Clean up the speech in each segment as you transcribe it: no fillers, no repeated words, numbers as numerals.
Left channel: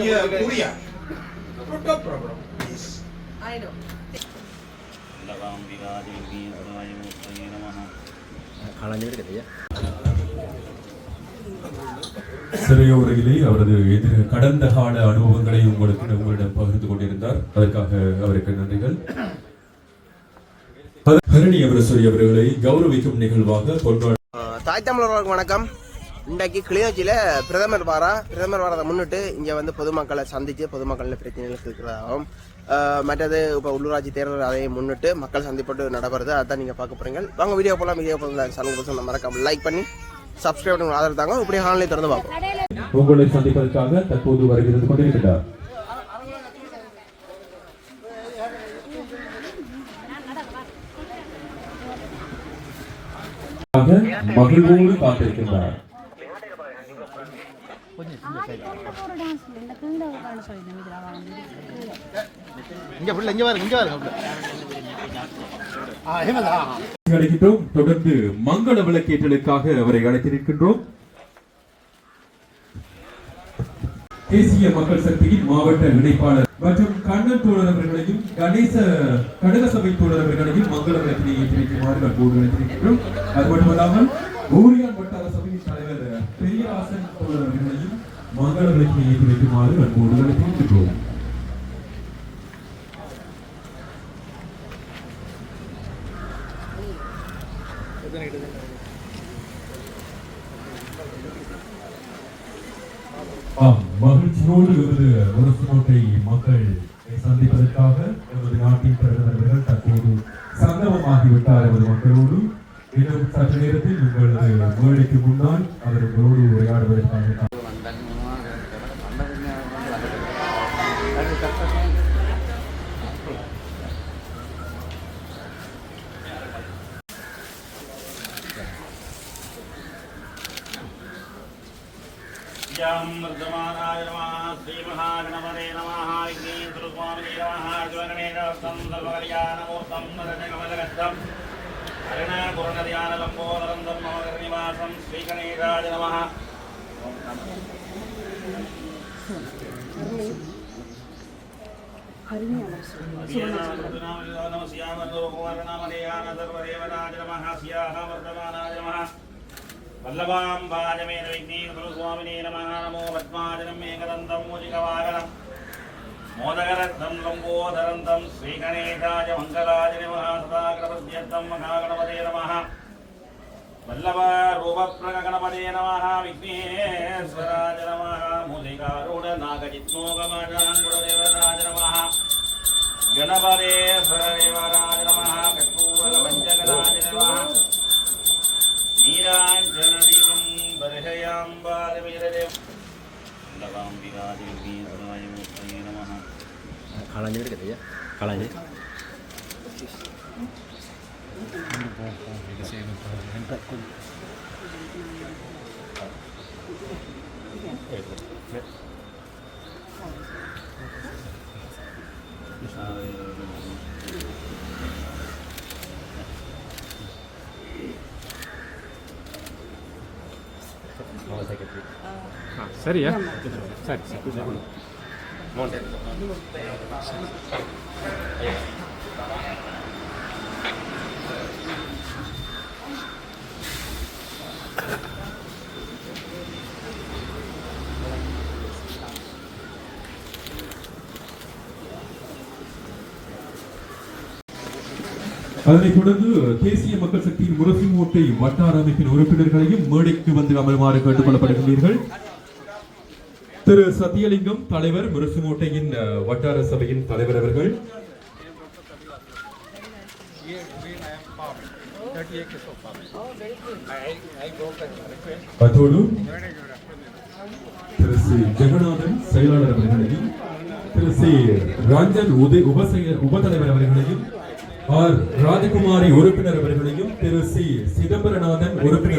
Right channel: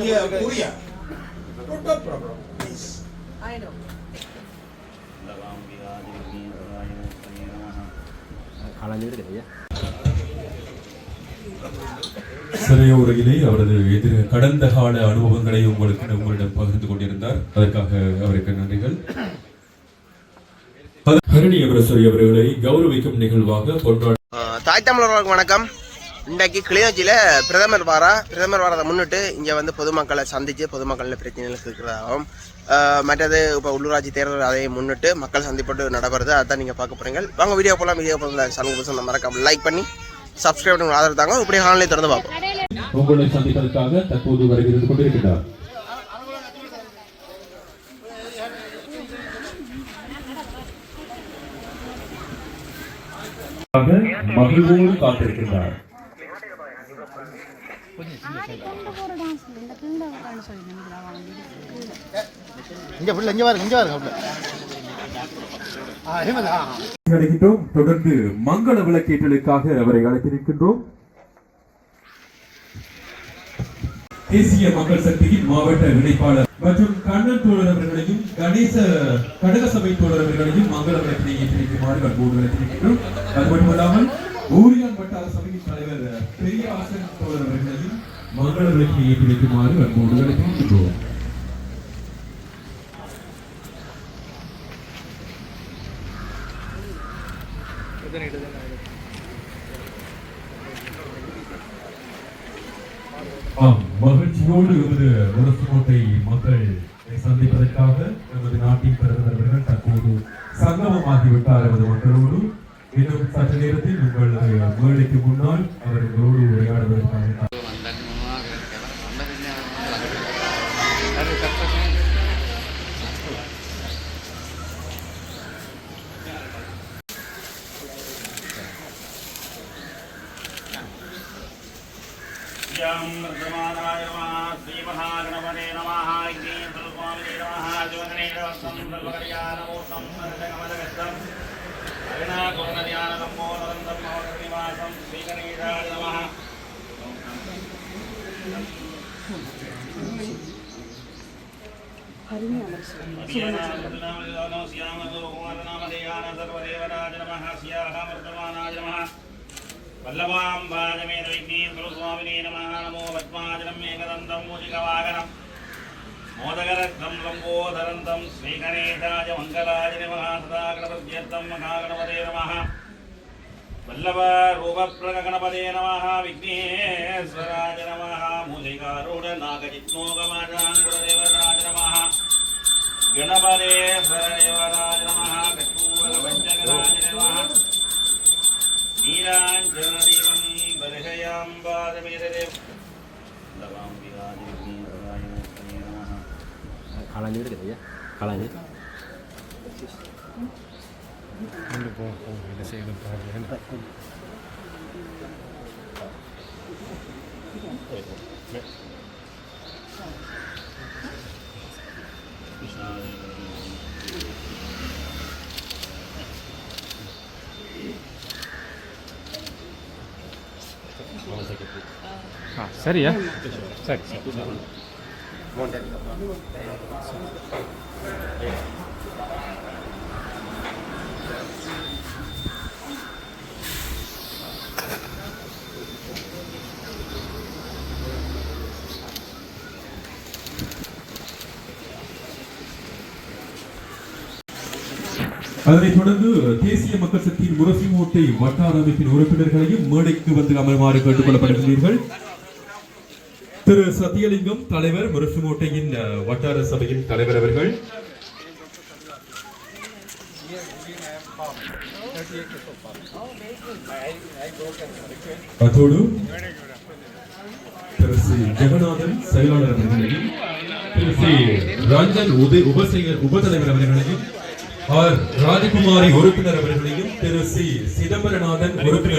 Yeah, Korea. No problem, please. I know. சிறையோரையிலே அவரது கடந்த கால அனுபவங்களை உங்களிடம் பகிர்ந்து கொண்டிருந்தார். அதற்காக அவருக்கு நன்றிகள். பரணி அவர்களை கௌரவிக்கும் நிகழ்வாக தாய் தமிழர்களுக்கு வணக்கம். இன்றைக்கு கிளிநொச்சியில் பிரதமர் வாரத்தை முன்னிட்டு இங்கே வந்து பொதுமக்களை சந்தித்து பொதுமக்களின் பிரச்சனைகள் இருக்கிறதாகவும் மற்றது இப்போ உள்ளூராட்சி தேர்தல் அதை முன்னிட்டு மக்கள் சந்திப்பட்டு நடைபெறுது. அதான் நீங்கள் பார்க்க போகிறீங்க. வாங்க வீடியோ போகலாம். சமூக மறக்காம லைக் பண்ணி சப்ஸ்கிரைப் பண்ணி ஆதரவு தாங்க. இப்படி ஆன்லைன் திறந்து பார்ப்போம். உங்களை சந்திப்பதற்காக தற்போது வருகிறது கொண்டிருக்கிறார். மகிழ்வோடு காத்திருக்கின்றார். தொடர்ந்து மங்கள விளக்கேற்றலுக்காக அவரை அழைத்திருக்கின்றோம். தேசிய மக்கள் சக்தியின் மாவட்ட இணைப்பாளர் மற்றும் கண்ணன் தோழர் அவர்களையும் கணேச கடக சபை தோழர் அவர்களையும் மங்கள விளக்கினை ஏற்றிருக்குமாறு அன்போடு அழைத்திருக்கின்றோம். அது மட்டுமல்லாமல் ஊரியான் வட்டார சபையின் தலைவர் பெரியராசன் தோழர் அவர்களையும் மங்கள விளக்கினை ஏற்றி வைக்குமாறு அன்போடு அழைத்திருக்கின்றோம். மகிழ்ச்சியோடு எமது முரசுக்கோட்டை மக்கள் சந்திப்பதற்காக எமது நாட்டின் பிரதமர் அவர்கள் தற்போது சங்கமமாகிவிட்டார். எமது மக்களோடு இன்னும் சற்று நேரத்தில் உங்களது மேடைக்கு முன்னால் அவர்களோடு உரையாடுவதற்காக वर्धमानाय नमः श्री महागणपते नमः स्वामी नमः ज्योतिनेरवस्तं सर्वकल्याणमूर्तं कमलगस्तं हरिणाकुर्णध्यानसम्बोधनं महोदयनिवासं श्रीगणेशाय नमः. वल्लभाम्बाजमेन विघ्नेश्वरस्वामिने नमः. नमो पद्माजनं मेघदन्तं मूजिकवाहनं मोदकरत्नं लम्बोदरन्तं श्रीगणेशाय मङ्गलाय नमः. सदा गणपत्यर्थं महागणपते नमः. वल्लभारूपप्रगणपते नमः. विघ्नेश्वराय नमः. मूजिकारूढनागजित्नोगमाजाङ्कुरदेवताय नमः. गणपते सदेवराय नमः. कर्पूरपञ्चगणाय नमः. नीराञ्जनदीपं बर्हयाम्बादवीरदेव लगाम्बिकादिव्येन्द्राय नमः. खालांजे gitu ya, खालांजे. சரி சரி அதனைத் தொடர்ந்து தேசிய மக்கள் சக்தியின் முரசுக்கோட்டை வட்டார அமைப்பின் உறுப்பினர்களையும் மேடைக்கு வந்து அமருமாறு கேட்டுக் கொள்ளப்படுகிறீர்கள். திரு சத்தியலிங்கம் தலைவர், முரசுக்கோட்டையின் வட்டார சபையின் தலைவர் அவர்கள், அத்தோடு திரு சி ஜெகநாதன் செயலாளர் அவர்களையும், திரு சி ரஞ்சன் உபதலைவர் அவர்களையும், ஆர் ராஜகுமாரி உறுப்பினர் அவர்களையும், திரு சி சிதம்பரநாதன் உறுப்பினர்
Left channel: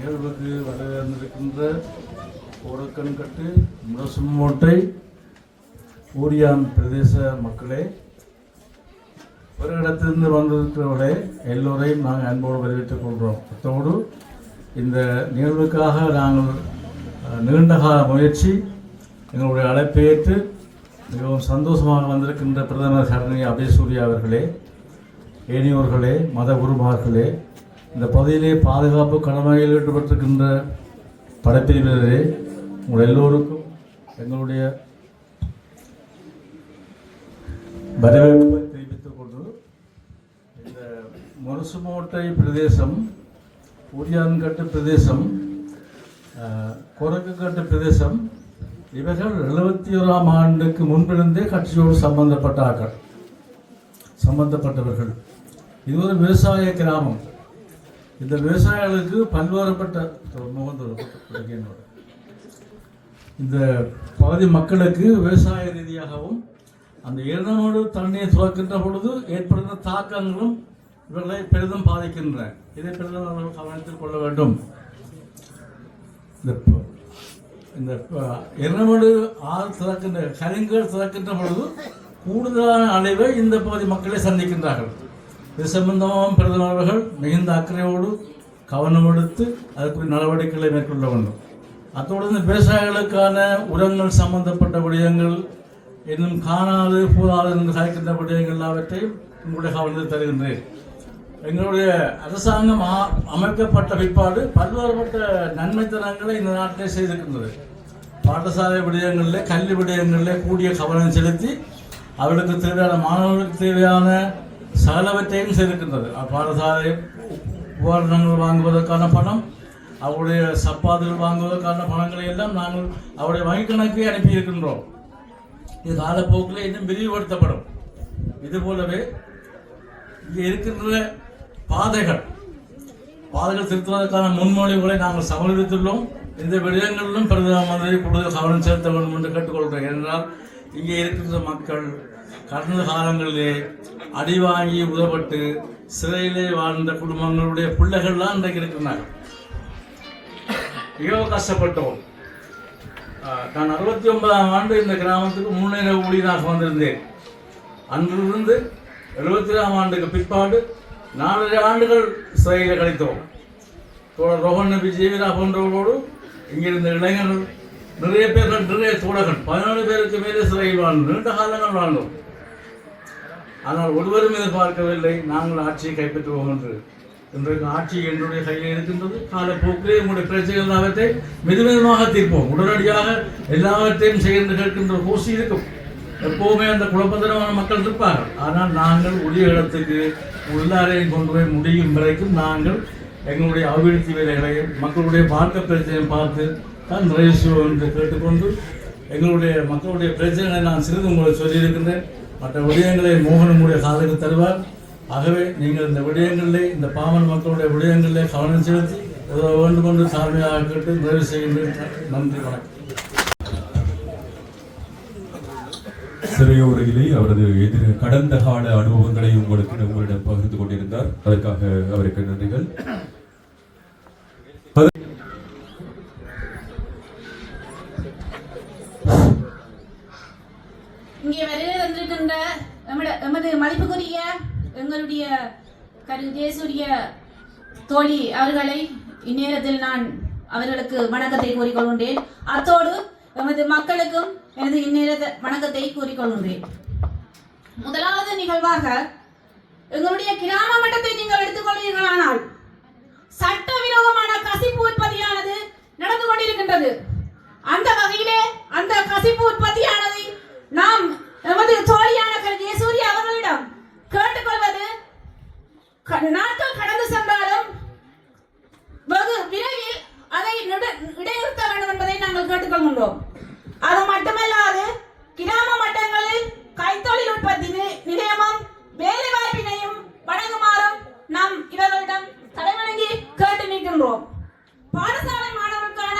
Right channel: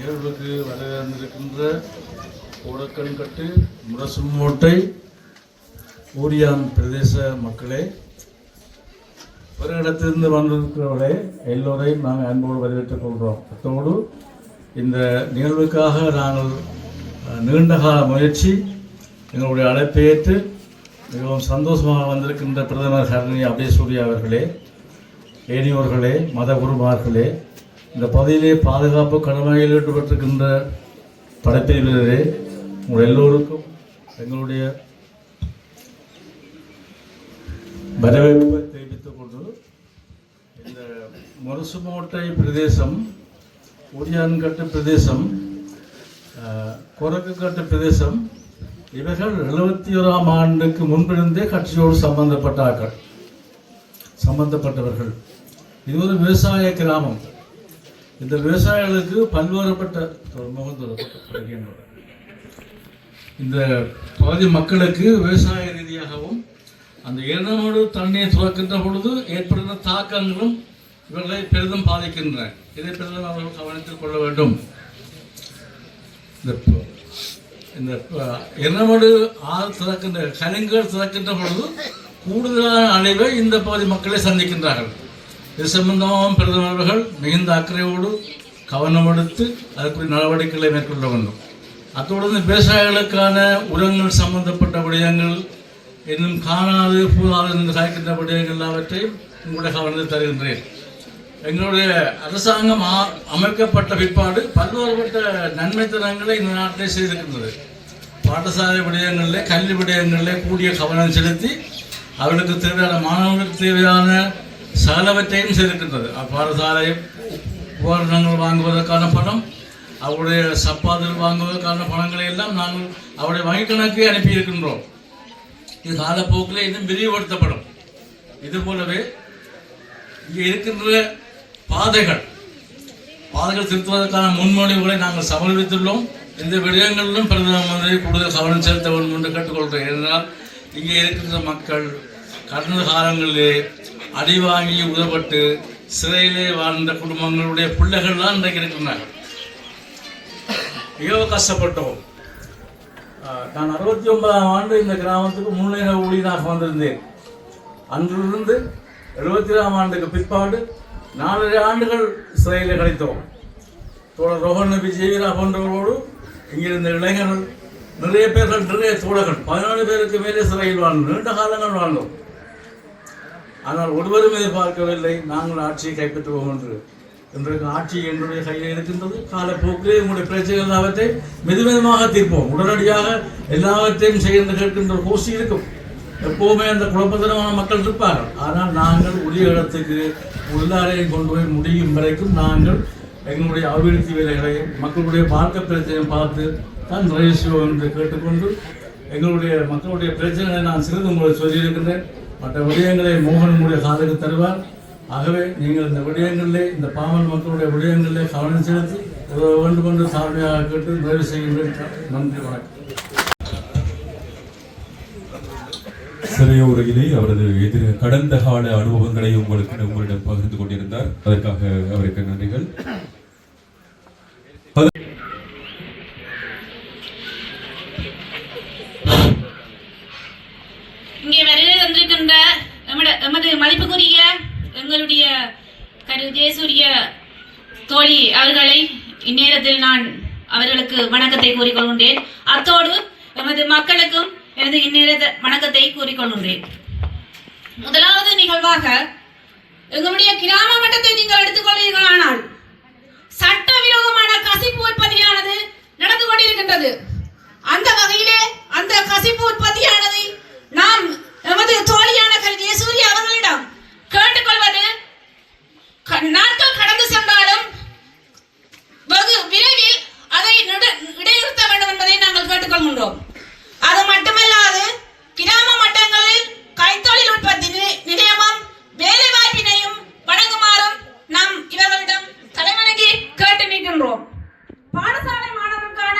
நிகழ்வுக்கு வரவிருக்கின்ற கோடக்கன்கட்டு முரசுமோட்டை ஊரியாம் பிரதேச மக்களே, ஒரு இடத்திலிருந்து வந்திருக்கிறவர்களே எல்லோரையும் நாங்கள் அன்போடு வரவேற்றுக் கொள்கிறோம். அத்தோடு இந்த நிகழ்வுக்காக நாங்கள் நீண்டகால முயற்சி எங்களுடைய அழைப்பை ஏற்று மிகவும் சந்தோஷமாக வந்திருக்கின்ற பிரதமர் சரணி அபேசூரியா அவர்களே, ஏனியோர்களே, மத குருமார்களே, இந்த பகுதியிலே பாதுகாப்பு கடமையில் ஈடுபட்டிருக்கின்ற படைப்பிரிவினரே, உங்கள் எல்லோருக்கும் எங்களுடைய வரவேற்பை தெரிவித்துக் கொண்டு இந்த முரசுமோட்டை பிரதேசம், ஊரியான்கட்டு பிரதேசம், கொரக்குக்கட்டு பிரதேசம் இவர்கள் 71ஆம் ஆண்டுக்கு முன்பிருந்தே கட்சியோடு சம்பந்தப்பட்டவர்கள். இது ஒரு விவசாய கிராமம். இந்த விவசாயிகளுக்கு பல்வேறுபட்ட இந்த பகுதி மக்களுக்கு விவசாய ரீதியாகவும் அந்த இரணோடு தண்ணீரை துறக்கின்ற பொழுது ஏற்படுகின்ற தாக்கங்களும் இவர்களை பெரிதும் பாதிக்கின்றன. இதை பெரிதும் அவர்கள் கவனத்தில் கொள்ள வேண்டும். இந்த இரணோடு ஆறு திறக்கின்ற கலிங்கல் திறக்கின்ற பொழுது கூடுதலான அழிவை இந்த பகுதி மக்களை சந்திக்கின்றார்கள். இது சம்பந்தமாகவும் பிரதமர் அவர்கள் மிகுந்த அக்கறையோடு கவனம் எடுத்து அதற்குரிய நடவடிக்கைகளை மேற்கொள்ள வேண்டும். அத்தோடு விவசாயிகளுக்கான உரங்கள் சம்பந்தப்பட்ட விடயங்கள், இன்னும் காணாது போதாது என்று சாய்க்கின்ற விடயங்கள் எல்லாவற்றையும் உங்களுடைய கவனத்தில் தருகின்றேன். எங்களுடைய அரசாங்கம் அமைக்கப்பட்ட பிற்பாடு பல்வேறுபட்ட நன்மைத்தனங்களை இந்த நாட்டிலே செய்திருக்கின்றது. பாடசாலை விடயங்களில், கல்வி விடயங்களில் கூடிய கவனம் செலுத்தி அவர்களுக்கு தேவையான மாணவர்களுக்கு தேவையான சகலவற்றையும் செய்திருக்கின்றது. பாடசாலை உபகரணங்கள் வாங்குவதற்கான பணம், அவருடைய சப்பாத்துகள் வாங்குவதற்கான பணங்களை எல்லாம் நாங்கள் அவருடைய வங்கி கணக்கு அனுப்பியிருக்கின்றோம். இது காலப்போக்கில் இன்னும் விரிவுபடுத்தப்படும். இது போலவே இங்கே இருக்கின்ற பாதைகள் திருத்துவதற்கான முன்மொழிவுகளை நாங்கள் சமர்ப்பித்துள்ளோம். இந்த விடயங்களிலும் பிரதம மந்திரி கூடுதல் கவனம் செலுத்த வேண்டும் என்று கேட்டுக்கொள்கிறேன். ஏனென்றால் இங்கே இருக்கின்ற மக்கள் கடந்த காலங்களிலே அடிவாங்கி உதவப்பட்டு சிறையிலே வாழ்ந்த குடும்பங்களுடைய பிள்ளைகள்லாம் இன்றைக்கு இருக்கின்றனர். மிகவும் கஷ்டப்பட்டோம். நான் 69ஆம் ஆண்டு இந்த கிராமத்துக்கு முன்னேற ஊழியராக வந்திருந்தேன். அன்றிலிருந்து 73ஆம் ஆண்டுக்கு பிற்பாடு 4 ஆண்டுகள் சிறையில் கழித்தோம். தோழர் ரோஹன் நபி ஜீவிரா போன்றவர்களோடு இங்கிருந்த இளைஞர்கள் நிறைய பேர்கள், நிறைய தோழர்கள் 17 பேருக்கு மேலே சிறையில் வாழ்ந்தோம். நீண்ட காலங்கள் வாழ்ந்தோம். ஆனால் ஒருவரும் எதிர்பார்க்கவில்லை நாங்கள் ஆட்சியை கைப்பற்றுவோம் என்று. இன்றைக்கு ஆட்சி என்னுடைய கையில் இருக்கின்றது. காலப்போக்கிலே உங்களுடைய பிரச்சனைகள் எல்லாவற்றை மெதுமெதுமாக தீர்ப்போம். உடனடியாக எல்லாவற்றையும் செய்ய கேட்கின்ற கோஷி இருக்கும். எப்போவுமே அந்த குழப்பத்தனமான மக்கள் இருப்பார்கள். ஆனால் நாங்கள் உரிய இடத்துக்கு எல்லாரையும் கொண்டு போய் முடியும் வரைக்கும் நாங்கள் எங்களுடைய அபிவிருத்தி வேலைகளையும் மக்களுடைய பார்க்க பிரச்சனையும் பார்த்து தான் நிறைவு செய்வோம் என்று கேட்டுக்கொண்டு எங்களுடைய மக்களுடைய பிரச்சனைகளை நான் சிறிது உங்களுக்கு சொல்லியிருக்கின்றேன். மற்ற விடயங்களை மோகன் உங்களுடைய காதலுக்கு தருவார். ஆகவே நீங்கள் இந்த விடயங்களிலே, இந்த பாமர மக்களுடைய விடயங்களிலே கவனம் செலுத்தி வேண்டும் என்று சாதனையாக கேட்டு நிறைவு செய்கின்றேன். நன்றி, வணக்கம். சிறையோரையிலே அவரது கடந்த கால அனுபவங்களை உங்களிடம் பகிர்ந்து கொண்டிருந்தார். அதற்காக அவருக்கு நன்றிகள். இங்கே வருகை தந்திருக்கின்ற எமது மதிப்புக்குரிய எங்களுடைய ஜெயசூரிய தோழி அவர்களை இந்நேரத்தில் நான் அவர்களுக்கு வணக்கத்தை கூறிக்கொள்கின்றேன். அத்தோடு எமது மக்களுக்கும் எனது இந்நேர வணக்கத்தை கூறிக்கொள்கின்றேன். முதலாவது நிகழ்வாக எங்களுடைய கிராம மட்டத்தை நீங்கள் எடுத்துக்கொள்வீர்களானால் சட்டவிரோதமான கசிப்பு உற்பத்தியானது நடந்து கொண்டிருக்கின்றது. அந்த வகையிலே அந்த கசிப்பு உற்பத்தியானதை நாம் எமது தோழியான ஜெயசூரிய அவர்களிடம் கேட்டுக்கொள்வது, நாட்கள் கடந்து சென்றாலும் வெகு விரைவில் அதை இடைநிறுத்த வேண்டும் என்பதை நாங்கள் கேட்டுக்கொள்கின்றோம். அது மட்டுமல்லாது கிராம மட்டங்களில் கைத்தொழில் உற்பத்தி நிலையமும் வேலை வாய்ப்பினையும் வழங்குமாறும் நாம் இவர்களிடம் தலைவணங்கி கேட்டு நிற்கின்றோம். பாடசாலை மாணவருக்கான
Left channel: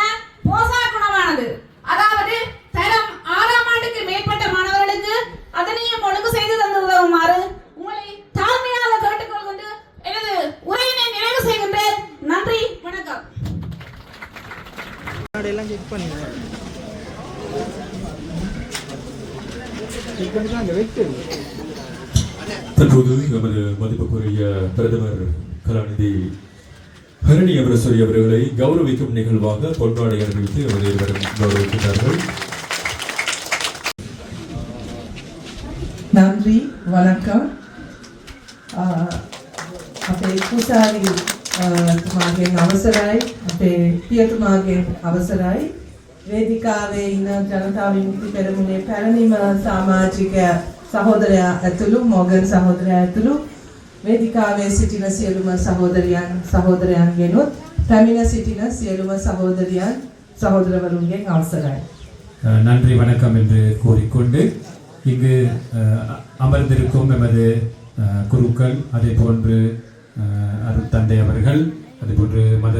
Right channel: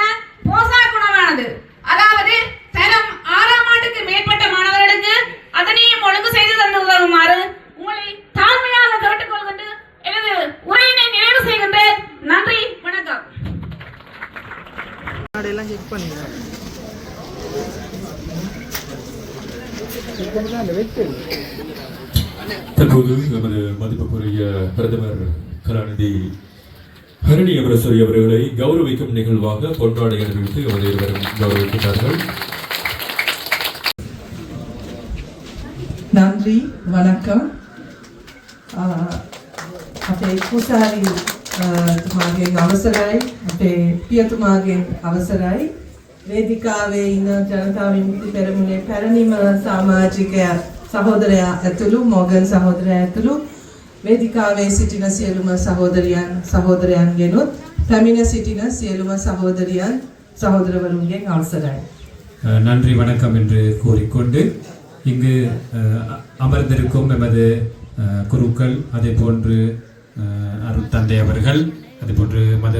போசாக் உணவானது, அதாவது தரம் 6ஆம் ஆண்டுக்கு மேற்பட்ட மாணவர்களுக்கு அதனையும் ஒழுங்கு செய்து தந்து உதவுமாறு உங்களை தாழ்மையாக கேட்டுக்கொள்கின்ற எனது உரையினை நிறைவு செய்கின்றேன். நன்றி, வணக்கம். தற்போது நமது மதிப்புக்குரிய பிரதமர் கலாநிதி ஹரணி அமரசூரி அவர்களை கௌரவிக்கும் நிகழ்வாக பொன்னாடை அணிவித்து அவர் இருவரும் கௌரவிக்கின்றார்கள். நன்றி, வணக்கம். අපේ කුසාලි තුමාගෙන් අවසරයි, අපේ පියතුමාගෙන් අවසරයි, වේදිකාවේ ඉන්න ජනතා විමුක්ති පෙරමුණේ පැරණිම සමාජික සහෝදරයා ඇතුළු මොගන් සහෝදරයා ඇතුළු වේදිකාවේ සිටින සියලුම සහෝදරියන් සහෝදරයන්ගෙනුත් පැමිණ සිටින සියලුම සහෝදරියන් சகோதரவர்களுக்கு அவசரයි. நன்றி, வணக்கம் என்று கூறிக்கொண்டு இங்கு அமர்ந்திருக்கும் எமது குருக்கள், அதே போன்று அருட்தந்தை அவர்கள், அதே போன்று மத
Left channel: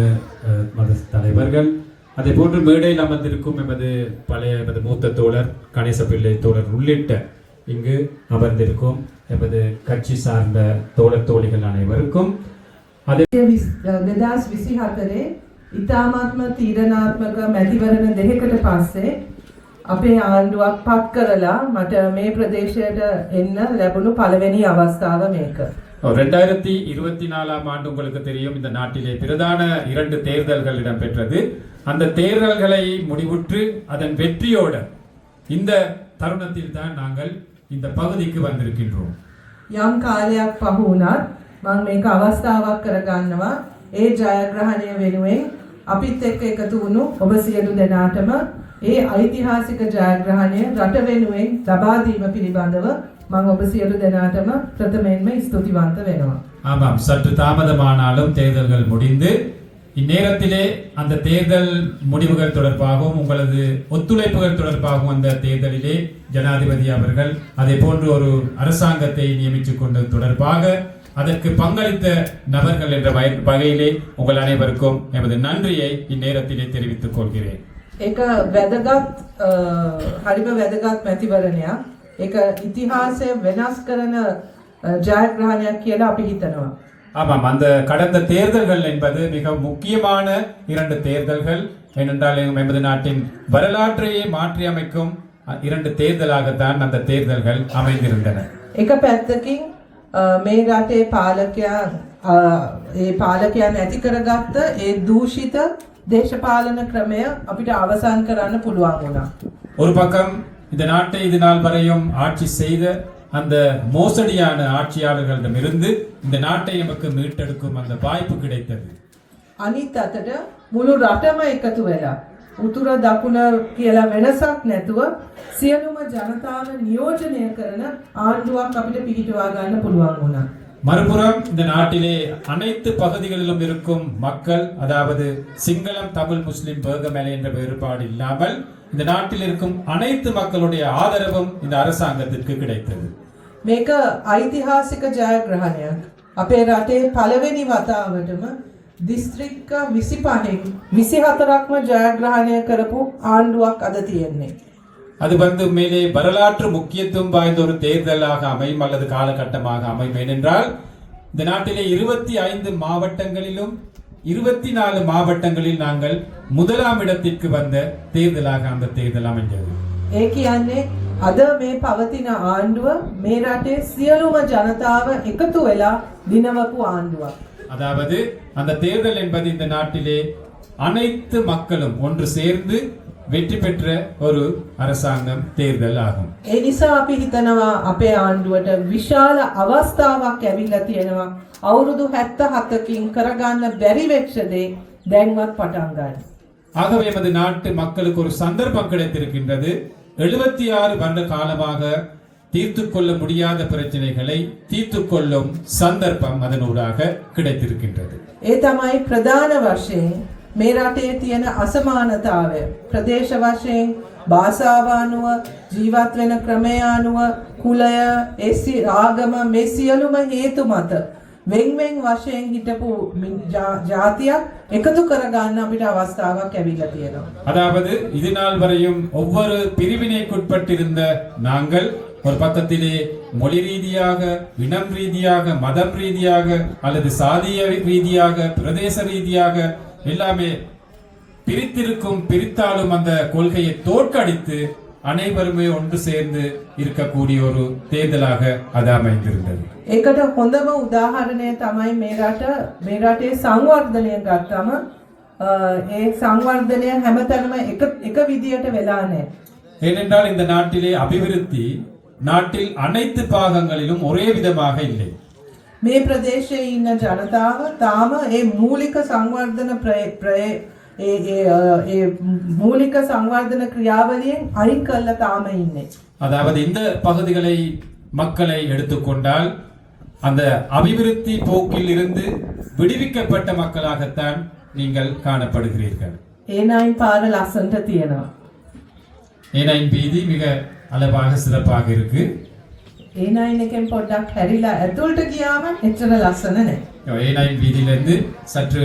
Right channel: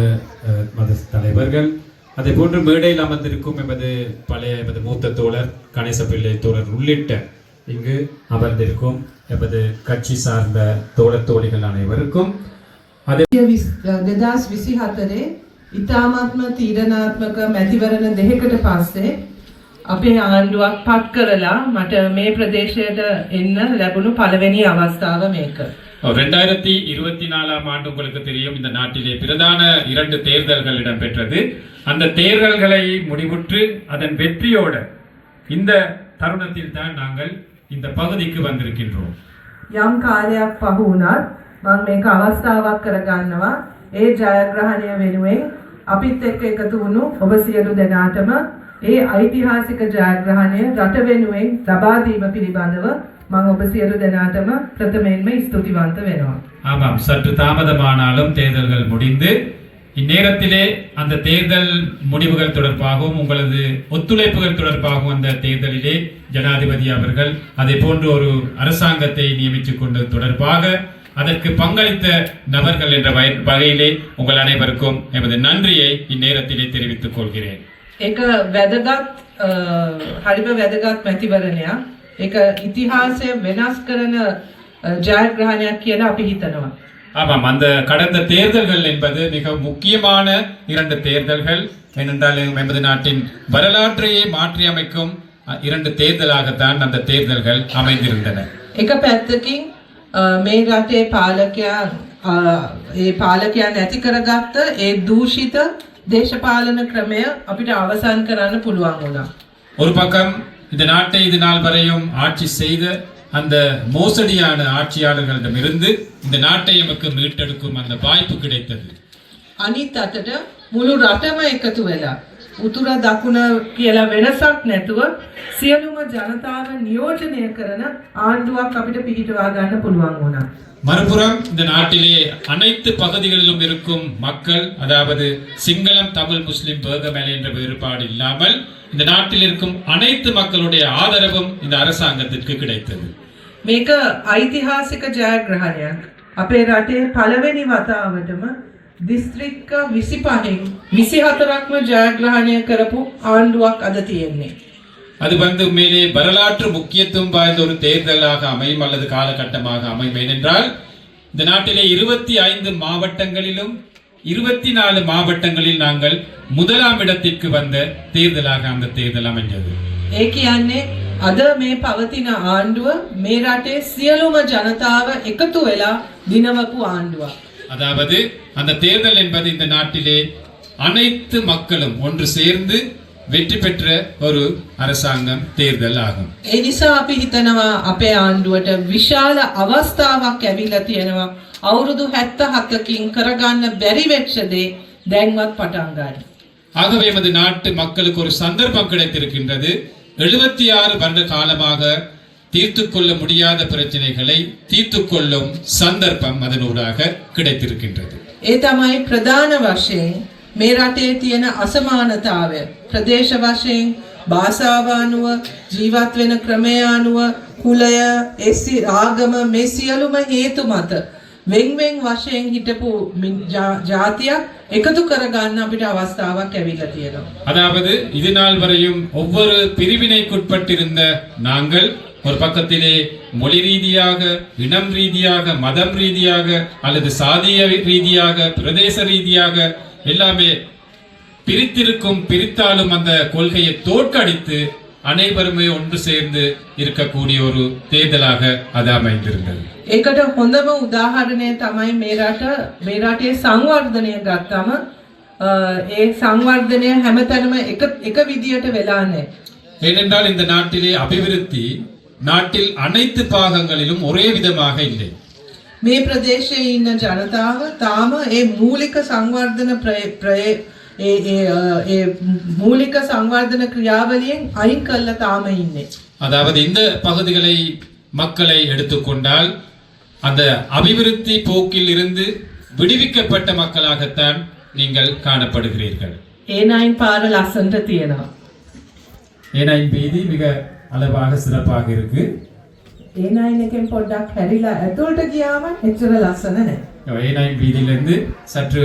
தலைவர்கள், அதே போன்று மேடையில் அமர்ந்திருக்கும் எமது மூத்த தோழர் கணேசபிள்ளை தோழர் உள்ளிட்ட இங்கு அமர்ந்திருக்கும் எமது கட்சி சார்ந்த தோழர் தோழிகள் அனைவருக்கும் 2024 ඉතාමත්ම තීරණාත්මක මැතිවරණ දෙකකට පස්සේ අපේ ආණ්ඩුවක් පත් කරලා මට මේ ප්‍රදේශයට එන්න ලැබුණු පළවෙනි අවස්ථාව මේක. 2024 ஆண்டு உங்களுக்கு தெரியும், இந்த நாட்டிலே பிரதான 2 தேர்தல்கள் இடம்பெற்றது. அந்த தேர்தல்களை முடிவுற்று அதன் வெற்றியோட இந்த தருணத்தில் தான் நாங்கள் இந்த பகுதிக்கு வந்திருக்கின்றோம். යම් කාලයක් පහු වුණත් මම මේක අවස්ථාවක් කරගන්නවා ඒ ජයග්‍රහණය වෙනුවෙන් අපිත් එක්ක එකතු වුණු ඔබ සියලු දෙනාටම ඒ ඓතිහාසික ජයග්‍රහණය රට වෙනුවෙන් ලබා දීම පිළිබඳව මම ඔබ සියලු දෙනාටම ප්‍රථමයෙන්ම ස්තුතිවන්ත වෙනවා. ஆமாம், சற்று தாமதமானாலும் தேர்தல்கள் முடிந்து இந்நேரத்திலே அந்த தேர்தல் முடிவுகள் தொடர்பாகவும் உங்களது ஒத்துழைப்புகள் தொடர்பாகவும் அந்த தேர்தலிலே ஜனாதிபதி அவர்கள் அதே போன்று ஒரு அரசாங்கத்தை நியமித்துக் கொண்டது தொடர்பாக அதற்கு பங்களித்த நபர்கள் என்ற வகையிலே உங்கள் அனைவருக்கும் எமது நன்றியை இந்நேரத்திலே தெரிவித்துக் கொள்கிறேன். ඒක වැදගත් හරිම වැදගත් මැතිවරණයක්. ඒක ඉතිහාසය වෙනස් කරන ජයග්‍රහණයක් කියලා අපි හිතනවා. ஆமாம், அந்த கடந்த தேர்தல்கள் என்பது மிக முக்கியமான 2 தேர்தல்கள். ஏனென்றால் எமது நாட்டின் வரலாற்றையே மாற்றியமைக்கும் 2 தேர்தலாகத்தான் அந்த தேர்தல்கள் அமைந்திருந்தன. එක පැත්තකින් මේ රටේ පාලකයන් නැති කරගත්ත ඒ දූෂිත දේශපාලන ක්‍රමය අපිට අවසන් කරන්න පුළුවන් වුණා. ஒரு பக்கம் இந்த நாட்டை இது நாள் வரையும் ஆட்சி செய்த அந்த மோசடியான ஆட்சியாளர்களிடமிருந்து இந்த நாட்டை நமக்கு மீட்டெடுக்கும் அந்த வாய்ப்பு கிடைத்தது. අනිත් අතට මුළු රටම එකතු වෙලා උතුර දකුණ කියලා වෙනසක් නැතුව සියලුම ජනතාව නියෝජනය කරන ආණ්ඩුවක් අපිට පිහිටවා ගන්න පුළුවන් වුණා. மறுபுறம் இந்த நாட்டிலே அனைத்து பகுதிகளிலும் இருக்கும் மக்கள், அதாவது சிங்களம், தமிழ், முஸ்லிம், பேகமேலை என்ற வேறுபாடு இல்லாமல் இந்த நாட்டில் இருக்கும் அனைத்து மக்களுடைய ஆதரவும் இந்த அரசாங்கத்திற்கு கிடைத்தது. මේක ඓතිහාසික ජයග්‍රහණයක්. අපේ රටේ පළවෙනි වතාවටම දිස්ත්‍රික්ක 25න් 24ක්ම ජයග්‍රහණය කරපු ආණ්ඩුවක් අද තියෙන්නේ. அது மேலே வரலாற்று முக்கியத்துவம் வாய்ந்த ஒரு தேர்தலாக அமையும் அல்லது காலகட்டமாக அமையும். ஏனென்றால் இந்த நாட்டிலே 25 மாவட்டங்களிலும் 24 மாவட்டங்களில் நாங்கள் முதலாம் இடத்திற்கு வந்த தேர்தலாக அந்த தேர்தல் அமைந்தது. ඒ කියන්නේ අද මේ පවතින ආණ්ඩුව මේ රටේ සියලුම ජනතාව එකතු වෙලා දිනවපු ආණ්ඩුවක්. அதாவது அந்த தேர்தல் என்பது இந்த நாட்டிலே அனைத்து மக்களும் ஒன்று சேர்ந்து வெற்றி பெற்ற ஒரு அரசாங்கம் தேர்தல் ஆகும். ඒ නිසා අපි හිතනවා අපේ ආණ්ඩුවට විශාල අවස්ථාවක් ඇවිල්ලා තියෙනවා. අවුරුදු 77කින් කරගන්න බැරි වෙච්ච දේ දැන්වත් පටන් ගන්න. ஆகவே நமது நாட்டு மக்களுக்கு ஒரு சந்தர்ப்பம் கிடைத்திருக்கின்றது. 76 வருட காலமாக தீர்த்து கொள்ள முடியாத பிரச்சனைகளை தீர்த்து கொள்ளும் சந்தர்ப்பம் அதனூடாக கிடைத்திருக்கின்றது. ඒ තමයි ප්‍රධාන වශයෙන් මේ රටේ තියෙන අසමානතාවය ප්‍රදේශ වශයෙන් භාෂාව අනුව ජීවත් වෙන ක්‍රමය අනුව කුලය ආගම මේ සියලුම හේතු මත වෙන්වෙන් වශයෙන් හිටපු ජාතියක් එකතු කරගන්න අපිට අවස්ථාවක් ඇවිල්ලා තියෙනවා. அதாவது இது நாள் வரையும் ஒவ்வொரு பிரிவினைக்குட்பட்டிருந்த நாங்கள் ஒரு பக்கத்திலே மொழி ரீதியாக, இனம் ரீதியாக, மதம் ரீதியாக அல்லது சாதிய ரீதியாக, பிரதேச ரீதியாக எல்லாமே பிரித்தாலும் அந்த கொள்கையை தோற்கடித்து அனைவருமே ஒன்று சேர்ந்து இருக்கக்கூடிய ஒரு தேர்தலாக அது அமைந்திருந்தது. ඒකට හොඳම උදාහරණය තමයි මේ රටේ සංවර්ධනය ගත්තම ඒ සංවර්ධනය හැමතැනම එක විදියට වෙලා නැහැ. ஏனென்றால் இந்த நாட்டிலே அபிவிருத்தி நாட்டில் அனைத்து பாகங்களிலும் ஒரே விதமாக இல்லை. මේ ප්‍රදේශයේ ඉන්න ජනතාව තාම ඒ මූලික සංවර්ධන මූලික සංවර්ධන ක්‍රියාවලියෙන් අයින් කරලා තාම ඉන්නේ. அதாவது இந்த பகுதிகளை மக்களை எடுத்துக்கொண்டால் அந்த அபிவிருத்தி போக்கில் இருந்து விடுவிக்கப்பட்ட மக்களாகத்தான் நீங்கள் காணப்படுகிறீர்கள். A9 පාර ලස්සනට තියෙනවා. A9 வீதி மிக அளவாக சிறப்பாக இருக்கு. A9 එකෙන් පොඩ්ඩක් හැරිලා ඇතුළට ගියාම එච්චර ලස්සන නැහැ. A9 வீதியிலிருந்து சற்று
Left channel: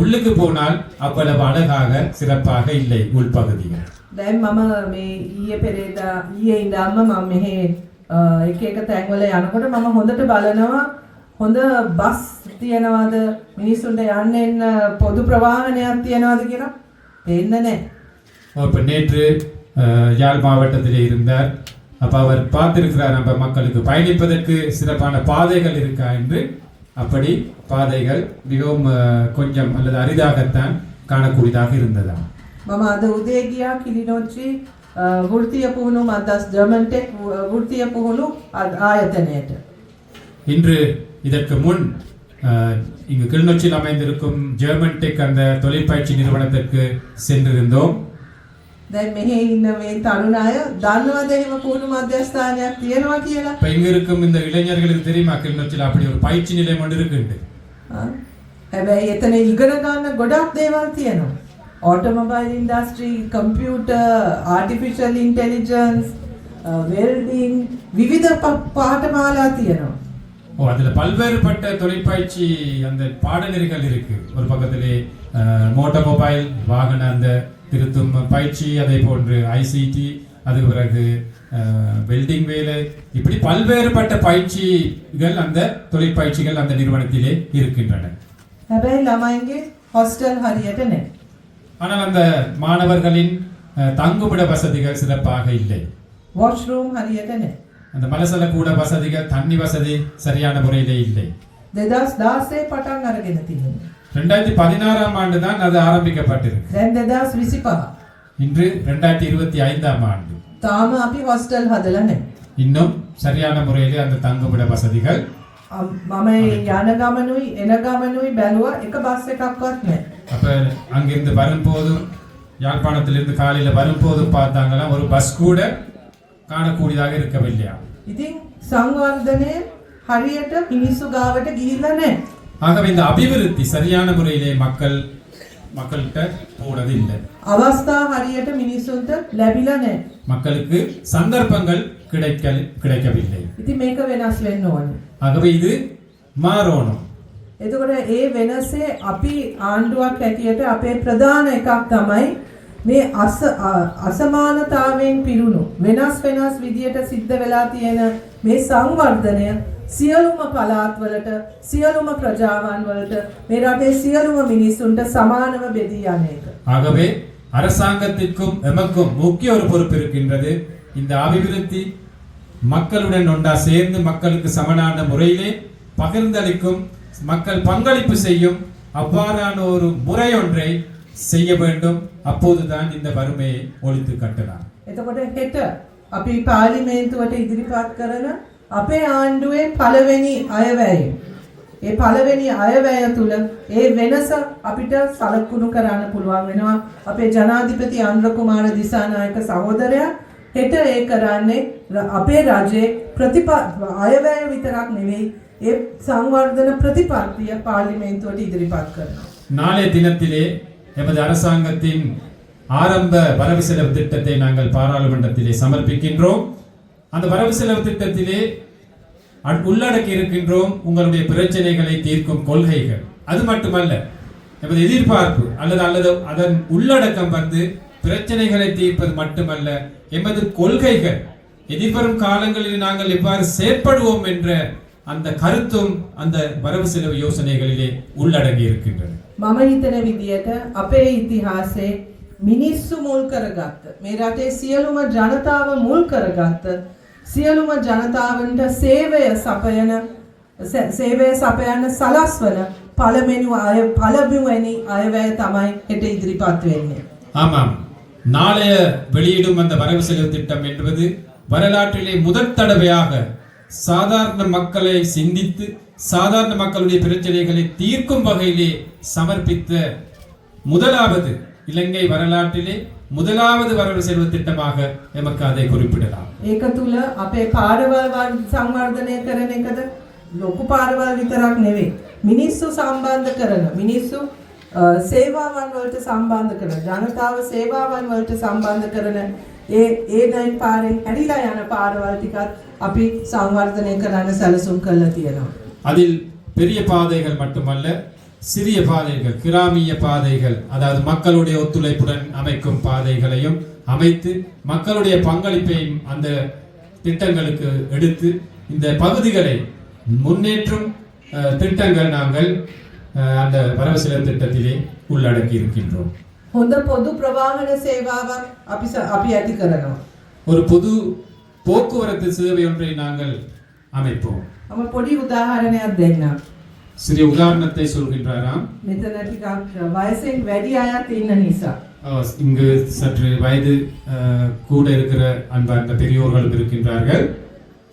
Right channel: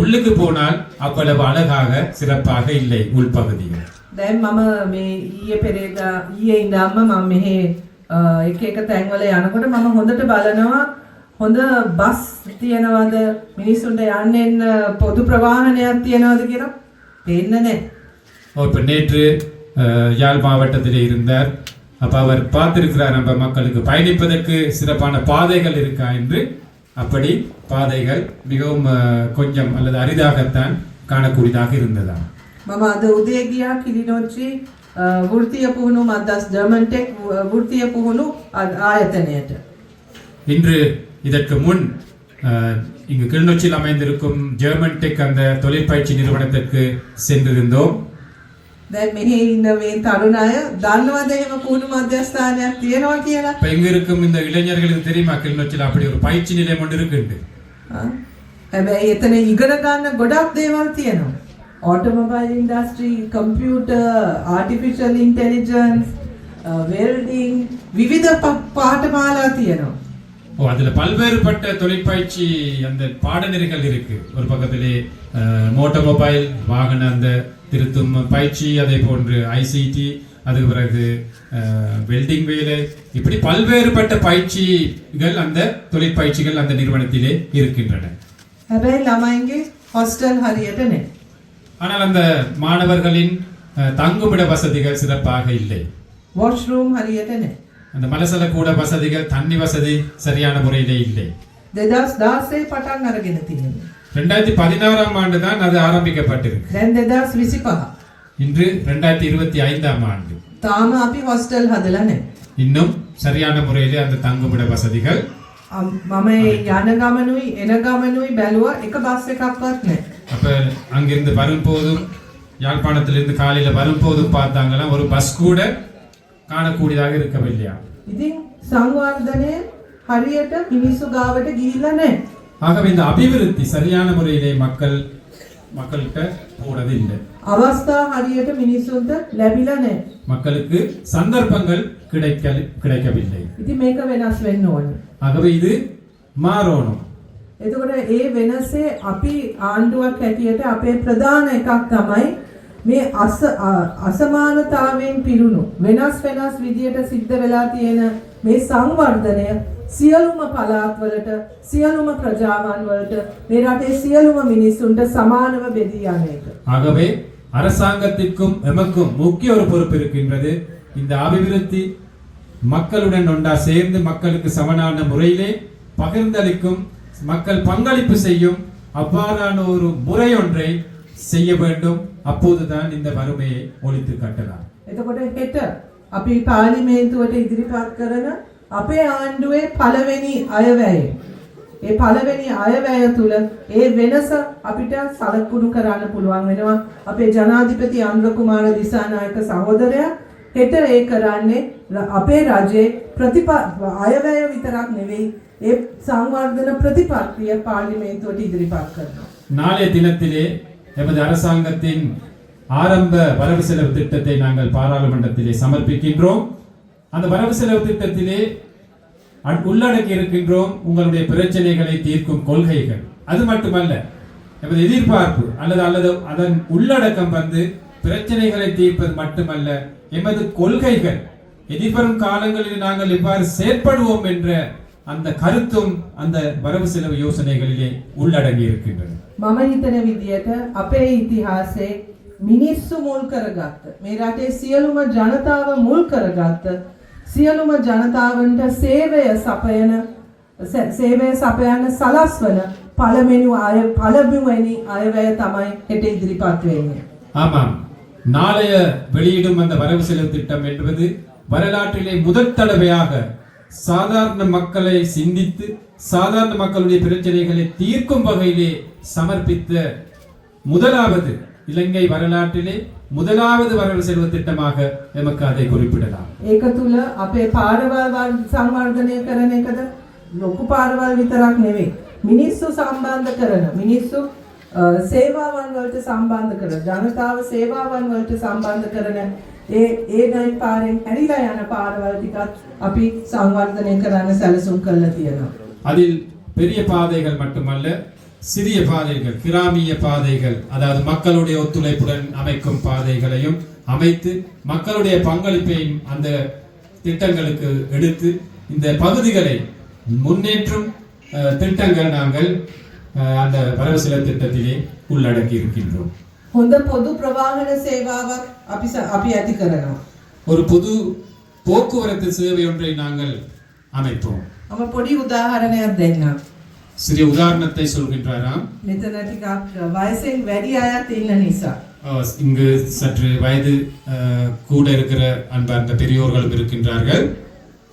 உள்ளுக்கு போனால் அவ்வளவு அழகாக சிறப்பாக இல்லை உள்பகுதிகள். දැන් මම මේ ඊයේ ඉඳන්ම මම මෙහි එක එක තැන්වල යනකොට මම හොඳට බලනවා හොඳ බස් තියනවද මිනිස්සුන්ට යන්න එන්න පොදු ප්‍රවාහනයක් තියනවද කියලා පේන්නේ නැහැ. இப்போ நேற்று யாழ் மாவட்டத்தில் இருந்தார். அப்ப அவர் பார்த்திருக்கிறார் நம்ம மக்களுக்கு பயணிப்பதற்கு சிறப்பான பாதைகள் இருக்கா என்று. அப்படி பாதைகள் மிகவும் கொஞ்சம் அல்லது அரிதாகத்தான் காணக்கூடியதாக இருந்ததா. මම අද උදේ ගියා කිලිනොච්චි වෘත්තීය පුහුණු මද්දස් ජර්මන් ටෙක් වෘත්තීය පුහුණු ආයතනයට. இன்று இதற்கு முன் இங்கு கிளிநொச்சியில் அமைந்திருக்கும் ஜெர்மன் டெக் அந்த தொழிற்பயிற்சி நிறுவனத்திற்கு சென்றிருந்தோம். දැන් මෙහි ඉන්න මේ තරුණ අය දන්නවද එහෙම පුහුණු මධ්‍යස්ථානයක් තියෙනවා කියලා? இப்ப இங்க இருக்கும் இந்த இளைஞர்களுக்கு தெரியுமா கிளிநொச்சியில் அப்படி ஒரு பயிற்சி நிலையம் ஒன்று இருக்கு. හැබැයි එතන ඉගෙන ගන්න ගොඩක් දේවල් තියෙනවා. Automobile industry, computer, artificial intelligence, welding विविध पाठमाला තියෙනවා. அதுல பல்வேறுபட்ட தொழிற்பயிற்சி அந்த பாடநெறிகள் இருக்கு. ஒரு பக்கத்திலே மோட்டோமொபைல் வாகன அந்த திருத்தும் பயிற்சி, அதே போன்று ஐசிடி, அதுக்கு பிறகு வெல்டிங் வேலை, இப்படி பல்வேறுபட்ட பயிற்சிகள் அந்த தொழிற்பயிற்சிகள் அந்த நிறுவனத்திலே இருக்கின்றன. හැබැයි ළමයින්ගේ හොස්ටල් හරියට නැහැ. ஆனால் அந்த மாணவர்களின் தங்குமிட வசதிகள் சிறப்பாக இல்லை. வாஷ்ரூம் හරියට නැහැ. அந்த மலசல கூட வசதிகள், தண்ணி வசதி சரியான முறையிலே இல்லை. 2016 පටන් අරගෙන තියෙනවා. 2016ஆம் ஆண்டு தான் அது ஆரம்பிக்கப்பட்டிருக்கு. දැන් 2025. இன்று 2025ஆம் ஆண்டு. තාම අපි හොස්ටල් හදලා නැහැ. இன்னும் சரியான முறையிலே அந்த தங்குமிட வசதிகள். මම යන ගමනුයි එන ගමනුයි බැලුවා එක බස් එකක්වත් නැහැ. அப்ப அங்கிருந்து வரும்போதும் யாழ்ப்பாணத்திலிருந்து காலையில வரும்போதும் பார்த்தாங்களா ஒரு பஸ் கூட காணக்கூடியதாக இருக்கவில்லையா. ඉතින් සංවර්ධනය හරියට මිනිස්සු ගාවට ගිහිල්ලා නැහැ. ஆகவே இந்த அபிவிருத்தி சரியான முறையிலே மக்கள்கிட்ட போனது இல்லை. අවස්ථා හරියට මිනිස්සුන්ට ලැබිලා නැහැ. மக்களுக்கு சந்தர்ப்பங்கள் கிடைக்கவில்லை. ඉතින් මේක වෙනස් වෙන්න ඕනේ. ஆகவே இது மாறணும். එතකොට ඒ වෙනසේ අපි ආණ්ඩුවක් හැටියට අපේ ප්‍රධාන එකක් තමයි මේ අසමානතාවයෙන් පිරුණු වෙනස් විදියට සිද්ධ වෙලා තියෙන මේ සංවර්ධනය සියලුම පළාත්වලට සියලුම ප්‍රජාවන් වලට මේ රටේ සියලුම මිනිස්සුන්ට සමානව බෙදී යන එක. ஆகவே அரசாங்கத்திற்கும் எமக்கும் முக்கிய ஒரு பொறுப்பு இருக்கின்றது. இந்த அபிவிருத்தி மக்களுடன் ஒன்றா சேர்ந்து மக்களுக்கு சமனான முறையிலே பகிர்ந்தளிக்கும், மக்கள் பங்களிப்பு செய்யும் அவ்வாறான ஒரு முறை ஒன்றை செய்ய வேண்டும். அப்போதுதான் இந்த வறுமையை ஒழித்து கட்டலாம். එතකොට හෙට අපි පාර්ලිමේන්තුවට ඉදිරිපත් කරන අපේ ආණ්ඩුවේ පළවෙනි අයවැය. ඒ පළවෙනි අයවැය තුල ඒ වෙනස අපිට සලකුණු කරන්න පුළුවන් වෙනවා. අපේ ජනාධිපති අනුර කුමාර දිසානායක සහෝදරයා හෙට ඒ කරන්නේ අපේ රජයේ අයවැය විතරක් නෙවෙයි ඒ සංවර්ධන ප්‍රතිපත්තිය පාර්ලිමේන්තුවට ඉදිරිපත් කරනවා. நாளைய தினத்திலே எமது அரசாங்கத்தின் ஆரம்ப வரவு செலவு திட்டத்தை நாங்கள் பாராளுமன்றத்திலே சமர்ப்பிக்கின்றோம். அந்த வரவு செலவு திட்டத்திலே உள்ளடக்கி இருக்கின்றோம் உங்களுடைய பிரச்சனைகளை தீர்க்கும் கொள்கைகள். அது மட்டுமல்ல, எமது எதிர்பார்ப்பு அல்லது அதன் உள்ளடக்கம் பிரச்சனைகளை தீர்ப்பது மட்டுமல்ல, எமது கொள்கைகள் எதிர்வரும் காலங்களில் நாங்கள் எவ்வாறு செயற்படுவோம் என்ற அந்த கருத்தும் அந்த வரவு செலவு யோசனைகளிலே உள்ளடங்கி இருக்கின்றன. මම හිතන විදියට අපේ ඉතිහාසයේ මිනිස්සු මුල් කරගත්ත මේ රටේ සියලුම ජනතාව මුල් කරගත්ත සියලුම ජනතාවන්ට සේවය සපයන සලස්වන පළමුවෙනි අයවැය තමයි හෙට ඉදිරිපත් වෙන්නේ. ஆமாம், நாளைய வெளியிடும் அந்த வரவு செலவு திட்டம் என்பது வரலாற்றிலே முதல் தடவையாக சாதாரண மக்களை சிந்தித்து சாதாரண மக்களுடைய பிரச்சனைகளை தீர்க்கும் வகையிலே சமர்ப்பித்த முதலாவது இலங்கை வரலாற்றிலே முதலாவது வரவு செலவு திட்டமாக எமக்கு அதை குறிப்பிடலாம். ඒක තුල අපේ පාරවල් සංවර්ධනය කරන එකද ලොකු පාරවල් විතරක් නෙවෙයි. මිනිස්සු සම්බන්ධ කරන මිනිස්සු සේවාවන් වලට සම්බන්ධ කරන ජනතාව සේවාවන් වලට සම්බන්ධ කරන ඒ ගයින් පාරෙන් ඇරිලා යන පාරවල් ටිකත් අපි සංවර්ධනය කරන්න සැලසුම් කරලා තියෙනවා. அதில் பெரிய பாதைகள் மட்டுமல்ல, சிறிய பாதைகள், கிராமிய பாதைகள், அதாவது மக்களுடைய ஒத்துழைப்புடன் அமைக்கும் பாதைகளையும் அமைத்து மக்களுடைய பங்களிப்பையும் அந்த திட்டங்களுக்கு எடுத்து இந்த பகுதிகளை முன்னேற்றும் திட்டங்கள் நாங்கள் அந்த வரவு செலவு திட்டத்திலே உள்ளடக்கி இருக்கின்றோம். හොඳ පොදු ප්‍රවාහන සේවාවක් අපි ඇති කරනවා. ஒரு பொது போக்குவரத்து சேவை ஒன்றை நாங்கள் அமைப்போம். මම පොඩි උදාහරණයක් දෙන්නම්. சிறிய உதாரணத்தை சொல்கின்றாராம். මෙතන ටිකක් වයසෙන් වැඩි අයත් ඉන්න නිසා. இங்கு சற்று வயது கூட இருக்கிற அன்பார்ந்த பெரியோர்களும் இருக்கின்றார்கள்.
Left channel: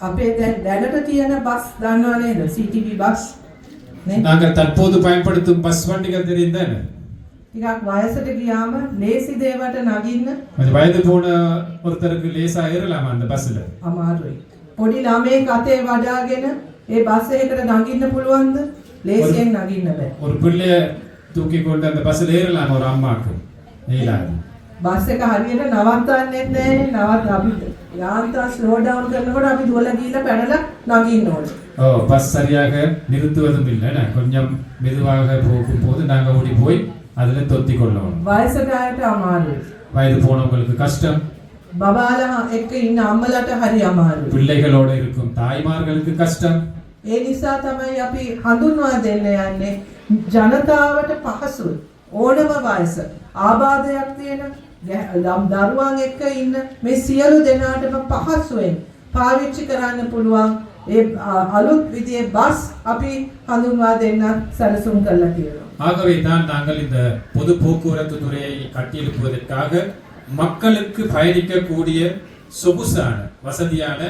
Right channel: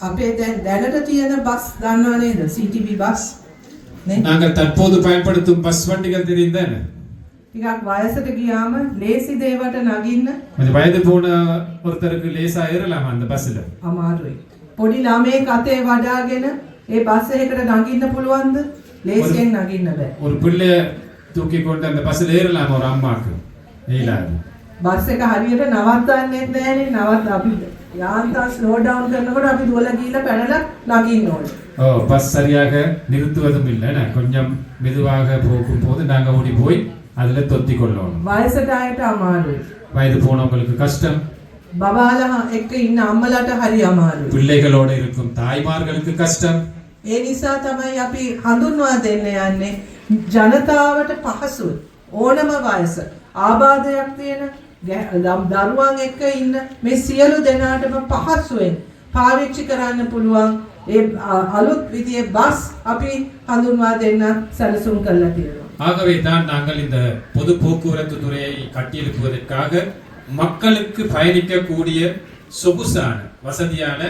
අපේ දැනට තියෙන බස් දන්නව නේද? CTB bus. நாங்கள் தற்போது பயன்படுத்தும் பஸ் வண்டிகள் தெரிந்தன. ටිකක් වයසට ගියාම ලේසි දේවට නගින්න இந்த வயது போன ஒருத்தருக்கு லேசா ஏறலாம் அந்த பஸ்ல. අමාරුයි. පොඩි ළමයෙක් අතේ වඩාගෙන ඒ බස් එකකට නගින්න පුළුවන්ද? ලේසියෙන් නගින්න බෑ. ஒரு பிள்ளை தூக்கி கொண்டு அந்த பஸ்ல ஏறலாம் ஒரு அம்மாக்கு. ஏலாது. බස් එක හරියට නවත්තන්නේ නැහැනේ. අපි යාන්ත්‍රා ස්ලෝ ඩවුන් කරනකොට අපි දුවලා ගිහිල්ලා පැනලා නගින්න ඕනේ. பஸ் சரியாக நிறுத்துவதும் இல்லை. கொஞ்சம் மெதுவாக போகும்போது நாங்க ஓடி போய் அதுல தொத்தி கொள்ளணும். වයසට අයට අමාරුයි. வயது போனவங்களுக்கு கஷ்டம். බබාලා එක්ක ඉන්න අම්මලාට හරි අමාරුයි. பிள்ளைகளோட இருக்கும் தாய்மார்களுக்கு கஷ்டம். ඒ නිසා තමයි අපි හඳුන්වා දෙන්න යන්නේ ජනතාවට පහසුයි. ඕනම වයස ආබාධයක් තියෙන දරුවන් එක්ක ඉන්න මේ සියලු දෙනාටම පහසුවෙන් පාවිච්චි කරන්න පුළුවන් ඒ අලුත් විදියේ බස් අපි හඳුන්වා දෙන්න සැලසුම් කරලා තියෙනවා. ஆகவே தான் நாங்கள் இந்த பொது போக்குவரத்து துறையை கட்டியெழுப்புவதற்காக மக்களுக்கு பயணிக்கக்கூடிய சொகுசான வசதியான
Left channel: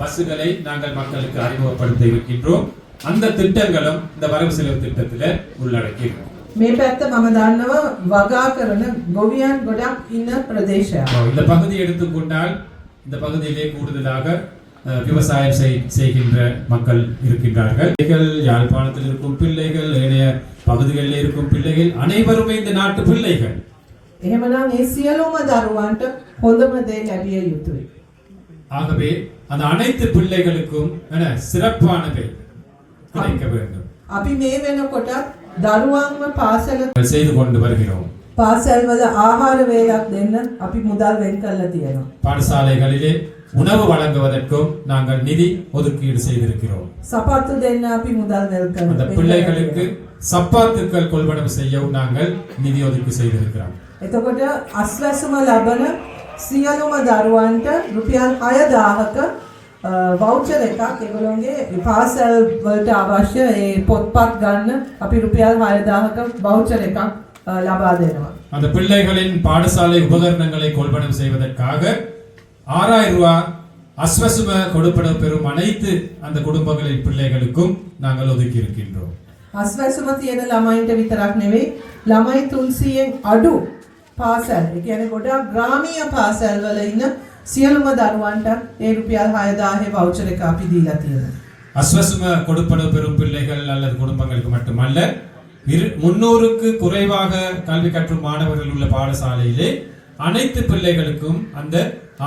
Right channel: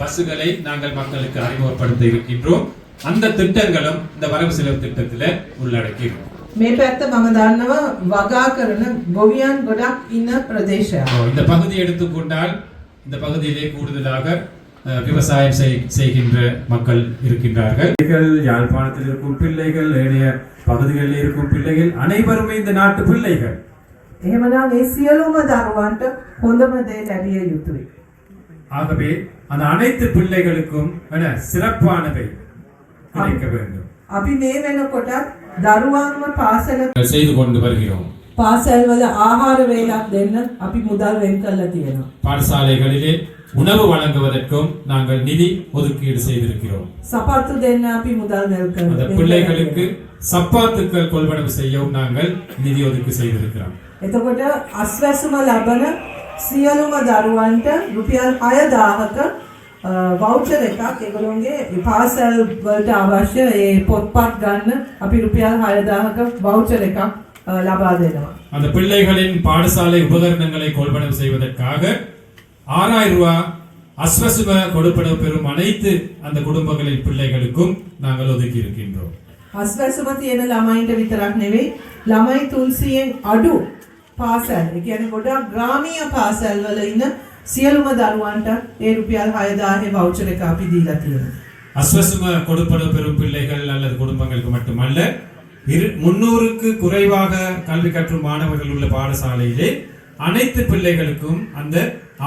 பஸ்களை நாங்கள் மக்களுக்கு அறிமுகப்படுத்த இருக்கின்றோம். அந்த திட்டங்களும் இந்த வரவு செலவு திட்டத்தில் உள்ளடக்கி இருக்கும். මේ පැත්ත මම දන්නවා වගා කරන ගොවියන් ගොඩක් ඉන්න ප්‍රදේශයක්. இந்த பகுதியை எடுத்துக்கொண்டால் இந்த பகுதியிலே கூடுதலாக விவசாயம் செய்கின்ற மக்கள் இருக்கின்றார்கள். யாழ்ப்பாணத்தில் இருக்கும் பிள்ளைகள், ஏனைய பகுதிகளில் இருக்கும் பிள்ளைகள் அனைவருமே இந்த நாட்டு பிள்ளைகள். එහෙමනම් ඒ සියලුම දරුවන්ට හොඳම දේ ලැබිය යුතුයි. ஆகவே அந்த அனைத்து பிள்ளைகளுக்கும் சிறப்பானவை கிடைக்க வேண்டும். අපි මේ වෙනකොට දරුවන්ව පාසල செய்து கொண்டு வருகிறோம். පාසල් වල ආහාර වේලක් දෙන්න අපි මුදල් වෙන් කරලා තියෙනවා. பாடசாலைகளிலே உணவு வழங்குவதற்கும் நாங்கள் நிதி ஒதுக்கீடு செய்திருக்கிறோம். සපත්තු දෙන්න අපි මුදල් වෙන් அந்த කරලා பிள்ளைகளுக்கு சப்பாத்துக்கள் கொள்வனவு செய்யவும் நாங்கள் நிதி ஒதுக்கீடு செய்திருக்கிறோம். එතකොට අස්වැසුම ලබන සියලුම දරුවන්ට රුපියල් 6000ක වවුචර් එකක් ඒගොල්ලෝගේ පාසල් වලට අවශ්‍ය ඒ පොත්පත් ගන්න අපි රුපියල් 6000ක වවුචර් එකක් ලබා දෙනවා. அந்த பிள்ளைகளின் பாடசாலை உபகரணங்களை கொள்வனவு செய்வதற்காக 6000 ரூபாய் அஸ்வசும கொடுப்பனவு பெறும் அனைத்து அந்த குடும்பங்களின் பிள்ளைகளுக்கும் நாங்கள் ஒதுக்கி இருக்கின்றோம். අස්වැසුම තියෙන ළමයින්ට විතරක් නෙවෙයි ළමයි 300න් අඩු පාසල් ඒ කියන්නේ ගොඩක් ග්‍රාමීය පාසල් වල ඉන්න සියලුම දරුවන්ට ඒ රුපියල් 6000 වවුචර් එක අපි දීලා තියෙනවා. அஸ்வசும கொடுப்பனவு பெறும் பிள்ளைகள் அல்லது குடும்பங்களுக்கு மட்டுமல்ல 300க்கு குறைவாக கல்வி கற்றும் மாணவர்கள் உள்ள பாடசாலையிலே அனைத்து பிள்ளைகளுக்கும் அந்த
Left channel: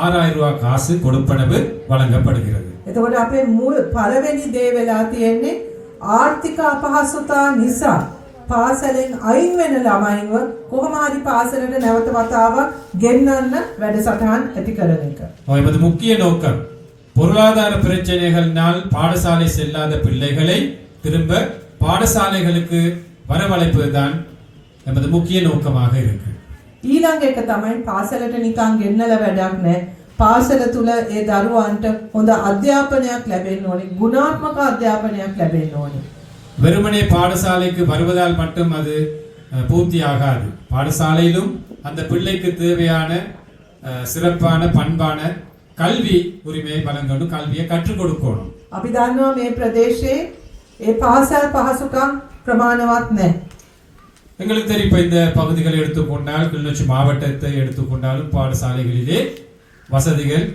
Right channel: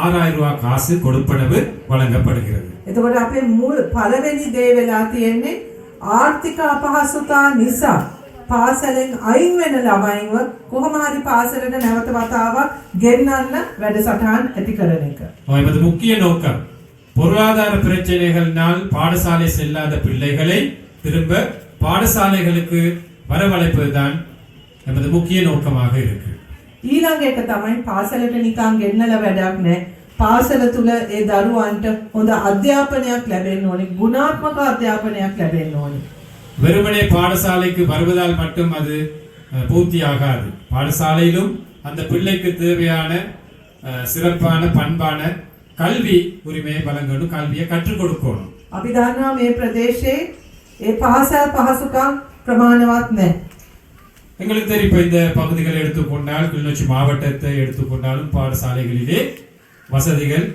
6000 ரூபாய் காசு கொடுப்பனவு வழங்கப்படுகிறது. එතකොට අපේ මූල පළවෙනි දේ වෙලා තියෙන්නේ ආර්ථික අපහසුතා නිසා පාසලෙන් අයින් වෙන ළමයින්ව කොහොම හරි පාසලට නැවත වතාවක් ගෙන්නන්න වැඩසටහන් ඇති කරන එක. என்பது முக்கிய நோக்கம். பொருளாதார பிரச்சனைகளினால் பாடசாலை செல்லாத பிள்ளைகளை திரும்ப பாடசாலைகளுக்கு வரவழைப்பதுதான் நமது முக்கிய நோக்கமாக இருக்கு. ඊළඟ එක තමයි පාසලට නිකන් ගෙන්නලා වැඩක් නැහැ. පාසල තුල ඒ දරුවන්ට හොඳ අධ්‍යාපනයක් ලැබෙන්න ඕනේ. ගුණාත්මක අධ්‍යාපනයක් ලැබෙන්න ඕනේ. வெறுமனே பாடசாலைக்கு வருவதால் மட்டும் அது பூர்த்தியாகாது. பாடசாலையிலும் அந்த பிள்ளைக்கு தேவையான சிறப்பான பண்பான கல்வி உரிமையை வழங்கணும், கல்வியை கற்றுக் கொடுக்கணும். අපි දන්නවා මේ ප්‍රදේශයේ ඒ පාසල් පහසුකම් ප්‍රමාණවත් නැහැ. எங்களுக்கு தெரியும், இப்ப இந்த பகுதிகளை எடுத்துக்கொண்டால், கிளிநொச்சி மாவட்டத்தை எடுத்துக்கொண்டாலும் பாடசாலைகளிலே வசதிகள்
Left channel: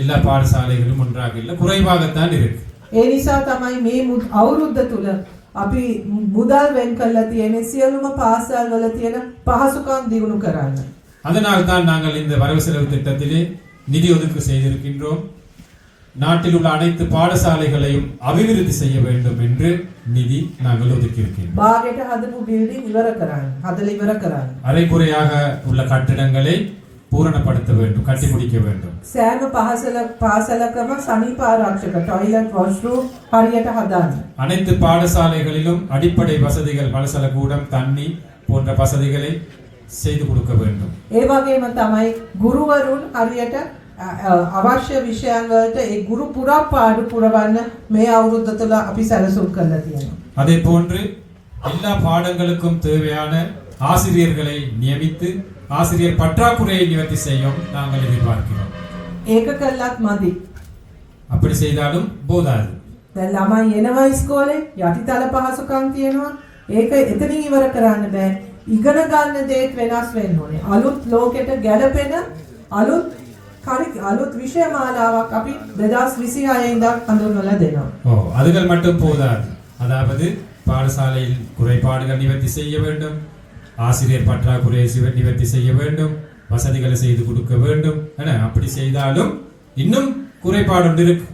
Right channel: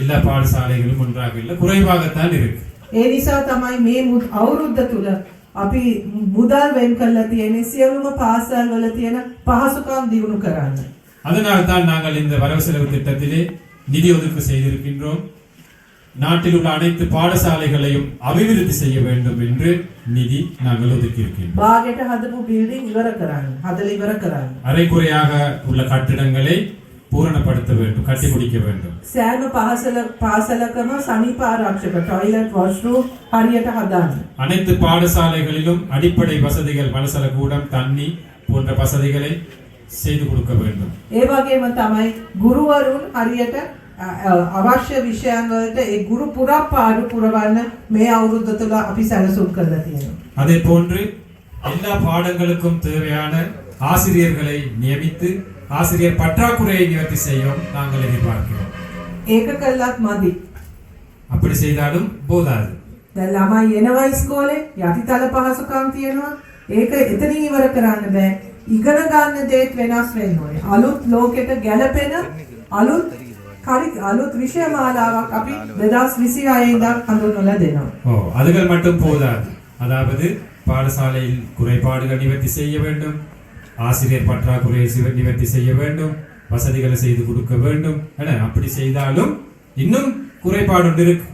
எல்லா பாடசாலைகளும் ஒன்றாக இல்லை, குறைவாகத்தான் இருக்கு. ඒ නිසා තමයි මේ අවුරුද්ද තුල අපි මුදල් වෙන් කරලා තියෙන්නේ සියලුම පාසල් වල තියෙන පහසුකම් දියුණු කරන්න. அதனால் தான் நாங்கள் இந்த வரவு செலவு திட்டத்திலே நிதி ஒதுக்கீடு செய்திருக்கின்றோம். நாட்டில் உள்ள அனைத்து பாடசாலைகளையும் அபிவிருத்தி செய்ய வேண்டும் என்று நிதி நாங்கள் ஒதுக்கியிருக்கின்றோம். බාගෙට හදපු බිල්ඩින් ඉවර කරන්න. හදලා ඉවර කරන්න. அரைக்குறையாக உள்ள கட்டிடங்களை பூரணப்படுத்த வேண்டும், கட்டி முடிக்க வேண்டும். සෑම පාසලකම සනීප ආරක්ෂක ටොයිලට් වොෂ්රූම් හරියට හදන්න. அனைத்து பாடசாலைகளிலும் அடிப்படை வசதிகள், மலசல கூடம், தண்ணி போன்ற வசதிகளை செய்து கொடுக்க வேண்டும். ඒ වගේම තමයි ගුරුවරුන් හරියට අවශ්‍ය විෂයන් වලට ඒ ගුරු පුරාපාඩු පුරවන්න මේ අවුරුද්ද තුළ අපි සැලසුම් කරලා තියෙනවා. அதே போன்று எல்லா பாடங்களுக்கும் தேவையான ஆசிரியர்களை நியமித்து ஆசிரியர் பற்றாக்குறையை நிவர்த்தி செய்யும் நாங்கள் எதிர்பார்க்கிறோம். ඒක කළත් මදි. அப்படி செய்தாலும் போதாது. දැන් ළමයි එනවා ඉස්කෝලේ යටිතල පහසුකම් තියෙනවා. ඒක එතනින් ඉවර කරන්න බෑ. ඉගෙන ගන්න දේත් වෙනස් වෙන්න ඕනේ. අලුත් ලෝකෙට ගැලපෙන අලුත් විෂය මාලාවක් අපි 2026 ඉඳන් හඳුන්වලා දෙනවා. அதுகள் மட்டும் போதாது. அதாவது பாடசாலையில் குறைபாடுகள் நிவர்த்தி செய்ய வேண்டும், ஆசிரியர் பற்றாக்குறையை நிவர்த்தி செய்ய வேண்டும், வசதிகளை செய்து கொடுக்க வேண்டும். அப்படி செய்தாலும் இன்னும் குறைபாடு ஒன்று இருக்கு.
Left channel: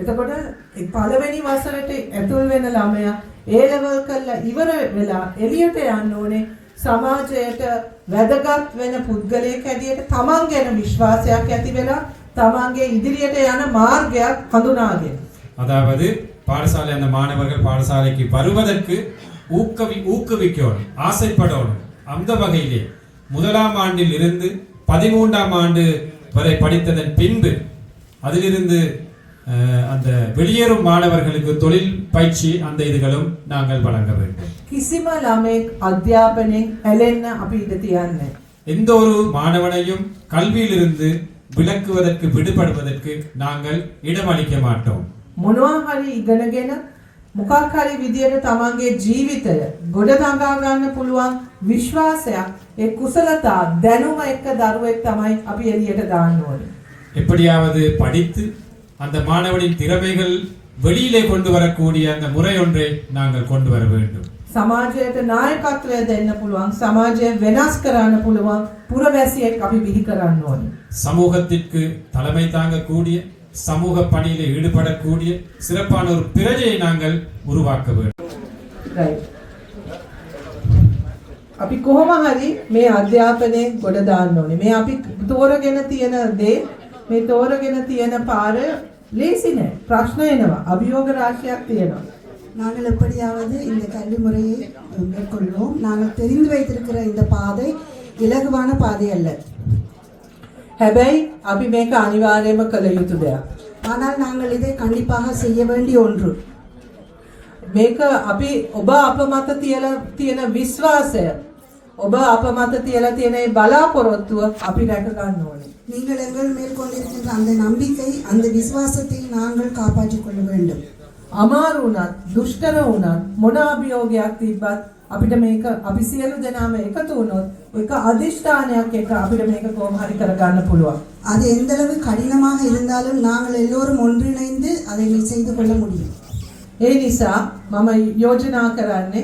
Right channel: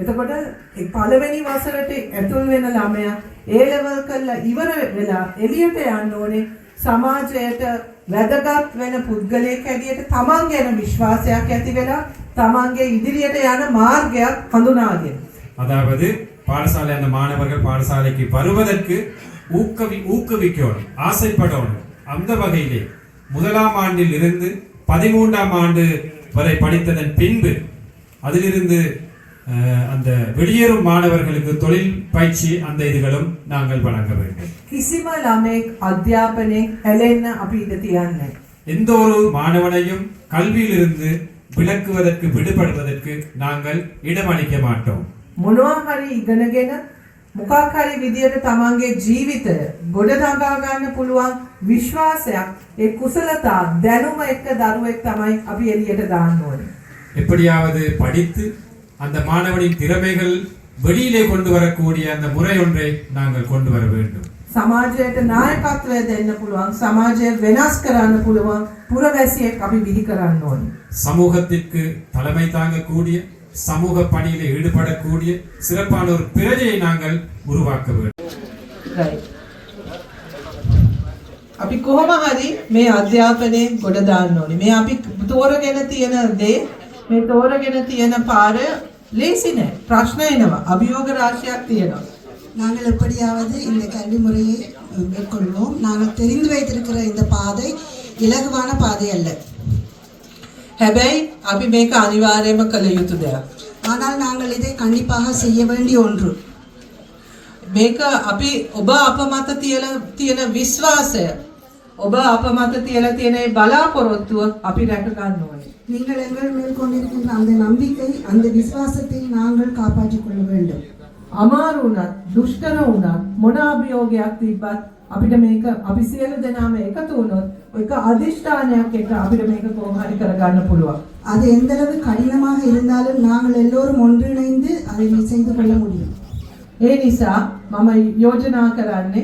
එතකොට පළවෙනි වසරට ඇතුල් වෙන ළමයා ඒ ලෙවල් කරලා ඉවර වෙලා එළියට යන්න ඕනේ. සමාජයට වැදගත් වෙන පුද්ගලයෙක් හැටියට තමන් ගැන විශ්වාසයක් ඇති වෙලා තමන්ගේ ඉදිරියට යන මාර්ගයක් හඳුනාගෙන. அதாவது பாடசாலை அந்த மாணவர்கள் பாடசாலைக்கு வருவதற்கு ஊக்குவிக்கணும், ஆசைப்படணும். அந்த வகையிலே 1ஆம் ஆண்டில் இருந்து 13ஆம் ஆண்டு வரை படித்ததன் பின்பு அதிலிருந்து அந்த வெளியேறும் மாணவர்களுக்கு தொழில் பயிற்சி அந்த இதுகளும் நாங்கள் வழங்க வேண்டும். කිසිම ළමෙක් අධ්‍යාපනයෙන් ඇලෙන්න අපි ඉඩ තියන්නේ. எந்த ஒரு மாணவனையும் கல்வியிலிருந்து விலக்குவதற்கு விடுபடுவதற்கு நாங்கள் இடமளிக்க மாட்டோம். මොනවා හරි ඉගෙනගෙන මොකක් හරි විදියට තමන්ගේ ජීවිතය ගොඩනගා ගන්න පුළුවන් විශ්වාසයක් ඒ කුසලතා දැනුම එක්ක දරුවෙක් තමයි අපි එළියට දාන්න ඕනේ. எப்படியாவது படித்து அந்த மாணவனின் திறமைகள் வெளியிலே கொண்டு வரக்கூடிய அந்த முறை ஒன்றை நாங்கள் கொண்டு வர வேண்டும். සමාජයට නායකත්වය දෙන්න පුළුවන්, සමාජය වෙනස් කරන්න පුළුවන් පුරවැසියෙක් අපි බිහි කරන්න ඕනේ. சமூகத்திற்கு தலைமை தாங்கக்கூடிய, சமூக பணியிலே ஈடுபடக்கூடிய சிறப்பான ஒரு பிரஜையை நாங்கள் உருவாக்க வேண்டும். අපි කොහොම හරි මේ අධ්‍යාපනයේ ගොඩ දාන්න ඕනේ. මේ අපි තෝරගෙන තියෙන දේ, මේ තෝරගෙන තියෙන පාර ලේසි නෑ. ප්‍රශ්න එනවා, අභියෝග ராශියක් තියෙනවා. நாங்கள் எப்படியாவது இந்த கல்வி முறையை மேற்கொள்வோம். நாங்கள் தெரிந்து வைத்திருக்கிற இந்த பாதை இலகுவான பாதை அல்ல. හැබැයි අපි මේක අනිවාර්යයෙන්ම කළ යුතු දෙයක්. ஆனால் நாங்கள் இதை கண்டிப்பாக செய்ய வேண்டிய ஒன்று. මේක අපි ඔබ අප මත තියෙන විශ්වාසය, ඔබ අප මත තියලා තියෙන මේ බලාපොරොත්තුව අපි රැක ගන්න ඕනේ. நீங்கள் எங்கள் மேல் கொண்டிருக்கின்ற அந்த நம்பிக்கை, அந்த விசுவாசத்தை நாங்கள் காப்பாற்றிக் கொள்ள வேண்டும். අමාරු වුණත්, දුෂ්කර වුණත්, මොන අභියෝගයක් තිබ්බත් අපිට මේක අපි සියලු දෙනාම එකතු වුණොත් එක අදිෂ්ඨානයක් එක අපිට මේක කොහොම හරි කරගන්න පුළුවන්. அது எந்த அளவு கடினமாக இருந்தாலும் நாங்கள் எல்லோரும் ஒன்றிணைந்து அதை செய்து கொள்ள முடியும். ඒ නිසා මම යෝජනා කරන්නේ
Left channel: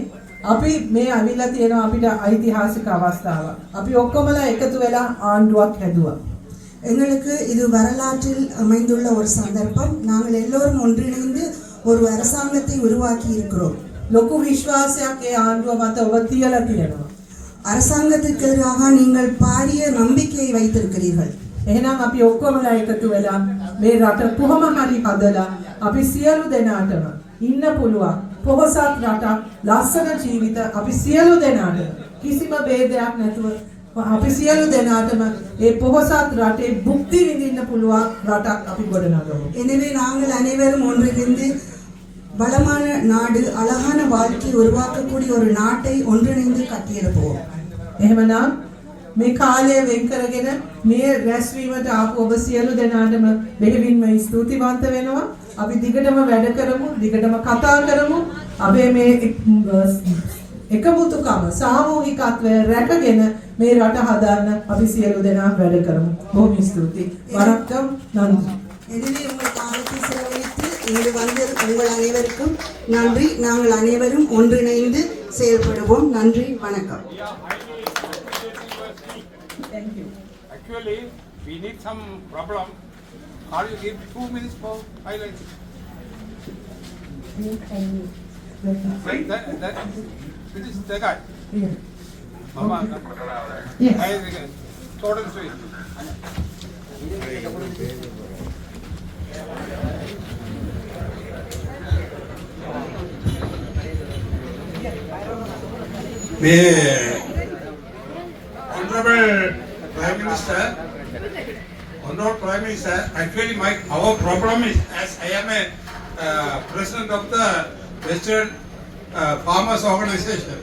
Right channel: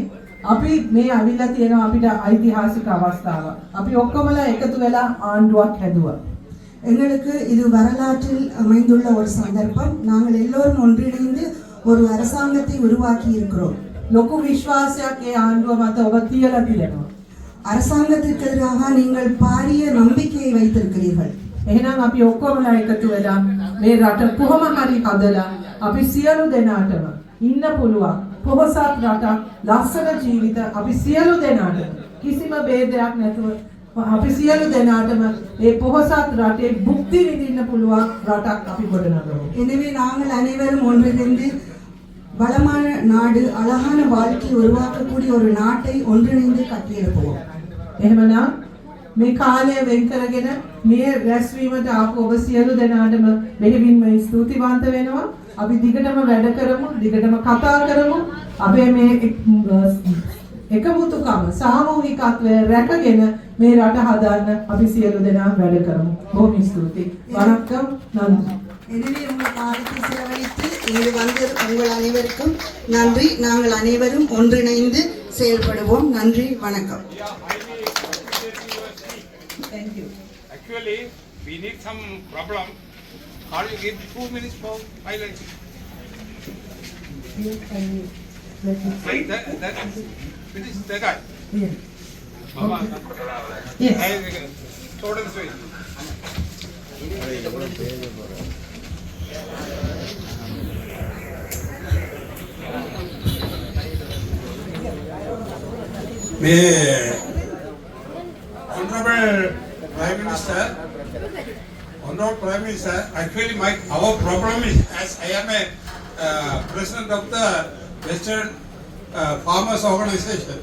අපි මේ අවිලා තියෙනවා අපිට ඓතිහාසික අවස්ථාවක්. අපි ඔක්කොමලා එකතු වෙලා ආණ්ඩුවක් හැදුවා. எங்களுக்கு இது வரலாற்றில் அமைந்துள்ள ஒரு சந்தர்ப்பம். நாங்கள் எல்லோரும் ஒன்றிணைந்து ஒரு அரசாங்கத்தை உருவாக்கி இருக்கிறோம். ලොකු විශ්වාසයක් ඒ ආණ්ඩුව මත ඔබ තියලා තියෙනවා. அரசாங்கத்திற்கு எதிராக நீங்கள் பாரிய நம்பிக்கையை வைத்திருக்கிறீர்கள். එහෙනම් අපි ඔක්කොමලා එකතු වෙලා මේ රට කොහොම හරි හදලා අපි සියලු දෙනාටම ඉන්න පුළුවන් පොහොසත් රටක් ලස්සන ජීවිත අපි සියලු දෙනාට කිසිම ભેදයක් නැතුව අපි සියලු දෙනාටම මේ පොහොසත් රටේ භුක්ති විඳින්න පුළුවන් රටක් අපි ගොඩනගමු. எனவே நாங்கள் அனைவரும் ஒன்றிணைந்து வளமான நாடு அழகான வாழ்க்கை உருவாக்கக்கூடிய ஒரு நாட்டை ஒன்றிணைந்து கட்டியிருப்போம். එහෙමනම් මේ කාලය වෙන් කරගෙන මේ රැස්වීමට ආපු ඔබ සියලු දෙනාටම මෙහෙවින්ම ස්තුතිවන්ත වෙනවා. අපි දිගටම වැඩ කරමු, දිගටම කතා කරමු. අපි මේ එකමුතුකම සාමූහිකත්වය රැකගෙන මේ රට හදන්න අපි සියලු දෙනා වැඩ කරමු. බොහොම ස්තුතියි. வணக்கம், நன்றி. எனவே உங்கள் காலத்தை செலவழித்து இங்கு வந்த உங்கள் அனைவருக்கும் நன்றி. நாங்கள் அனைவரும் ஒன்றிணைந்து செயல்படுவோம். நன்றி, வணக்கம். Thank you. Actually, we need some problem. Can you give 2 minutes for highlighting? Like that finish the guy. Yeah. Mama. Yes. Total swing. May Honorable Prime Minister, actually our problem is, as I am a president of the Western Farmers Organization,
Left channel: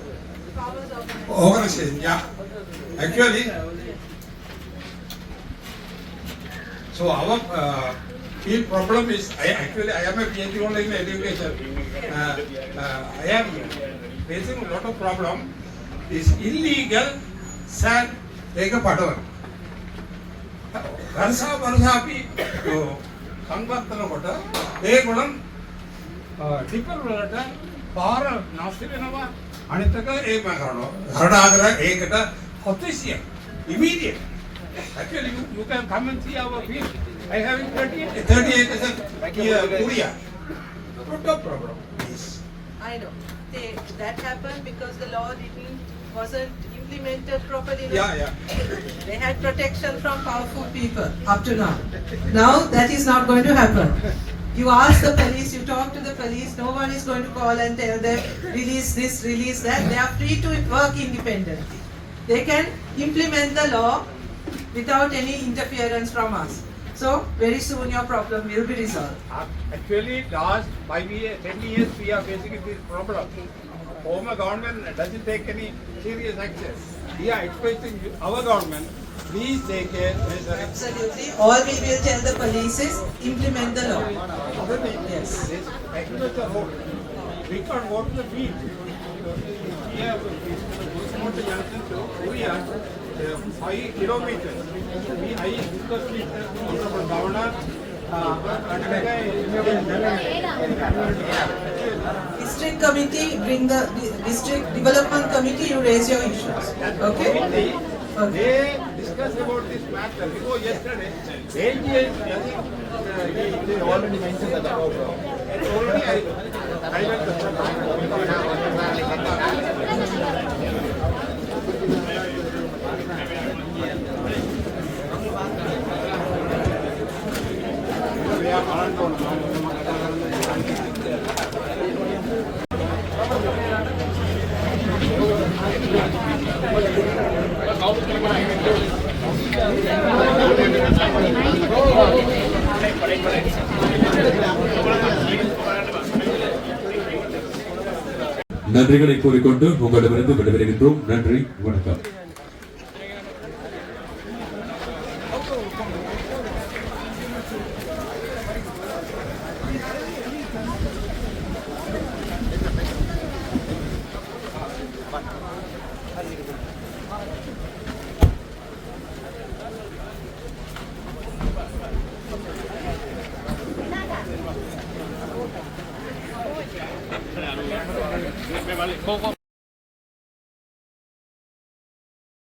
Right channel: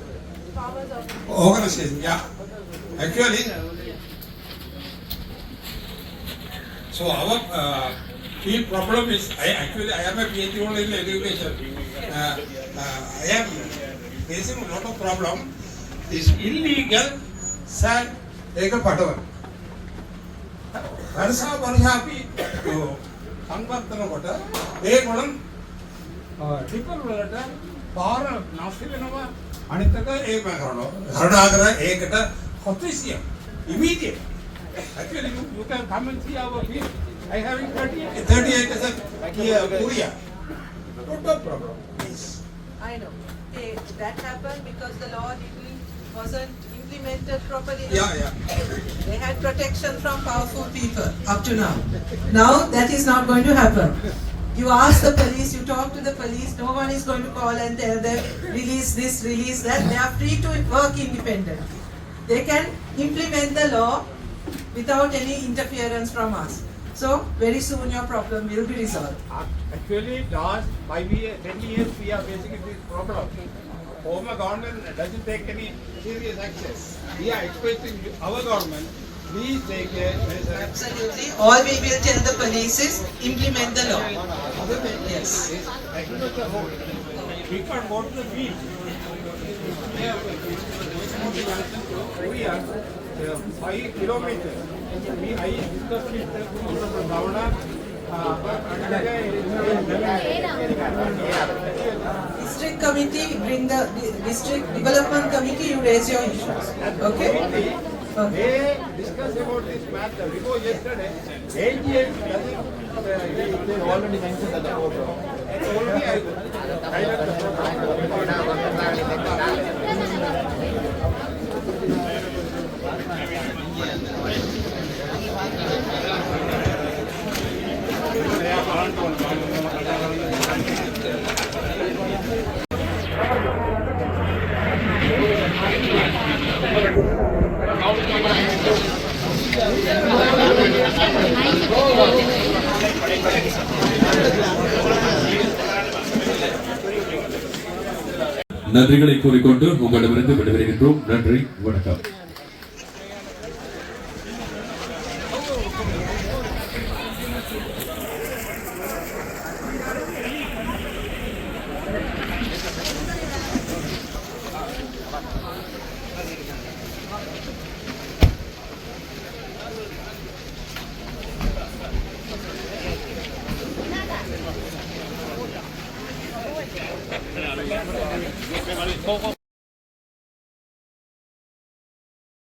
yeah. Actually, so our field problem is, I am a PhD only in education. I am facing a lot of problem. Is illegal sand take a padavan. Varsa අපි සංවර්ධන කොට ඒ ගොඩන් ටිකල් වලට පාර නැස්ති වෙනවා. අනිත් එක ඒක කරනවා. හරඩාගර ඒකට කොතිසිය immediate. Actually you can come and see our field. I have 30 acres here Korea. Not a problem. Please. I know. That happened because the law wasn't implemented properly. Yeah. They had protection from powerful people up to now. Now that is not going to happen. You ask the police, you talk to the police, no one is going to call and tell them release this, release that. They are free to work independently. They can implement the law without any interference from us. So very soon your problem will be resolved. Actually, last 10 years we are facing this problem. Former government doesn't take any serious action. We are expecting our government, please take a measure. Absolutely. All we will tell the police is implement the law. Yes. Agriculture road. We can't go to the beach. We have from the junction to Korea, 5 kilometers. I discussed with the governor. District committee, bring the district development committee, you raise your issues. Okay? They discussed about this matter before yesterday. AGI they already mentioned that the problem. Already I went the problem. நன்றிகளை கூறிக்கொண்டு உங்களிடமிருந்து விடைபெறுகின்றோம். நன்றி, வணக்கம்.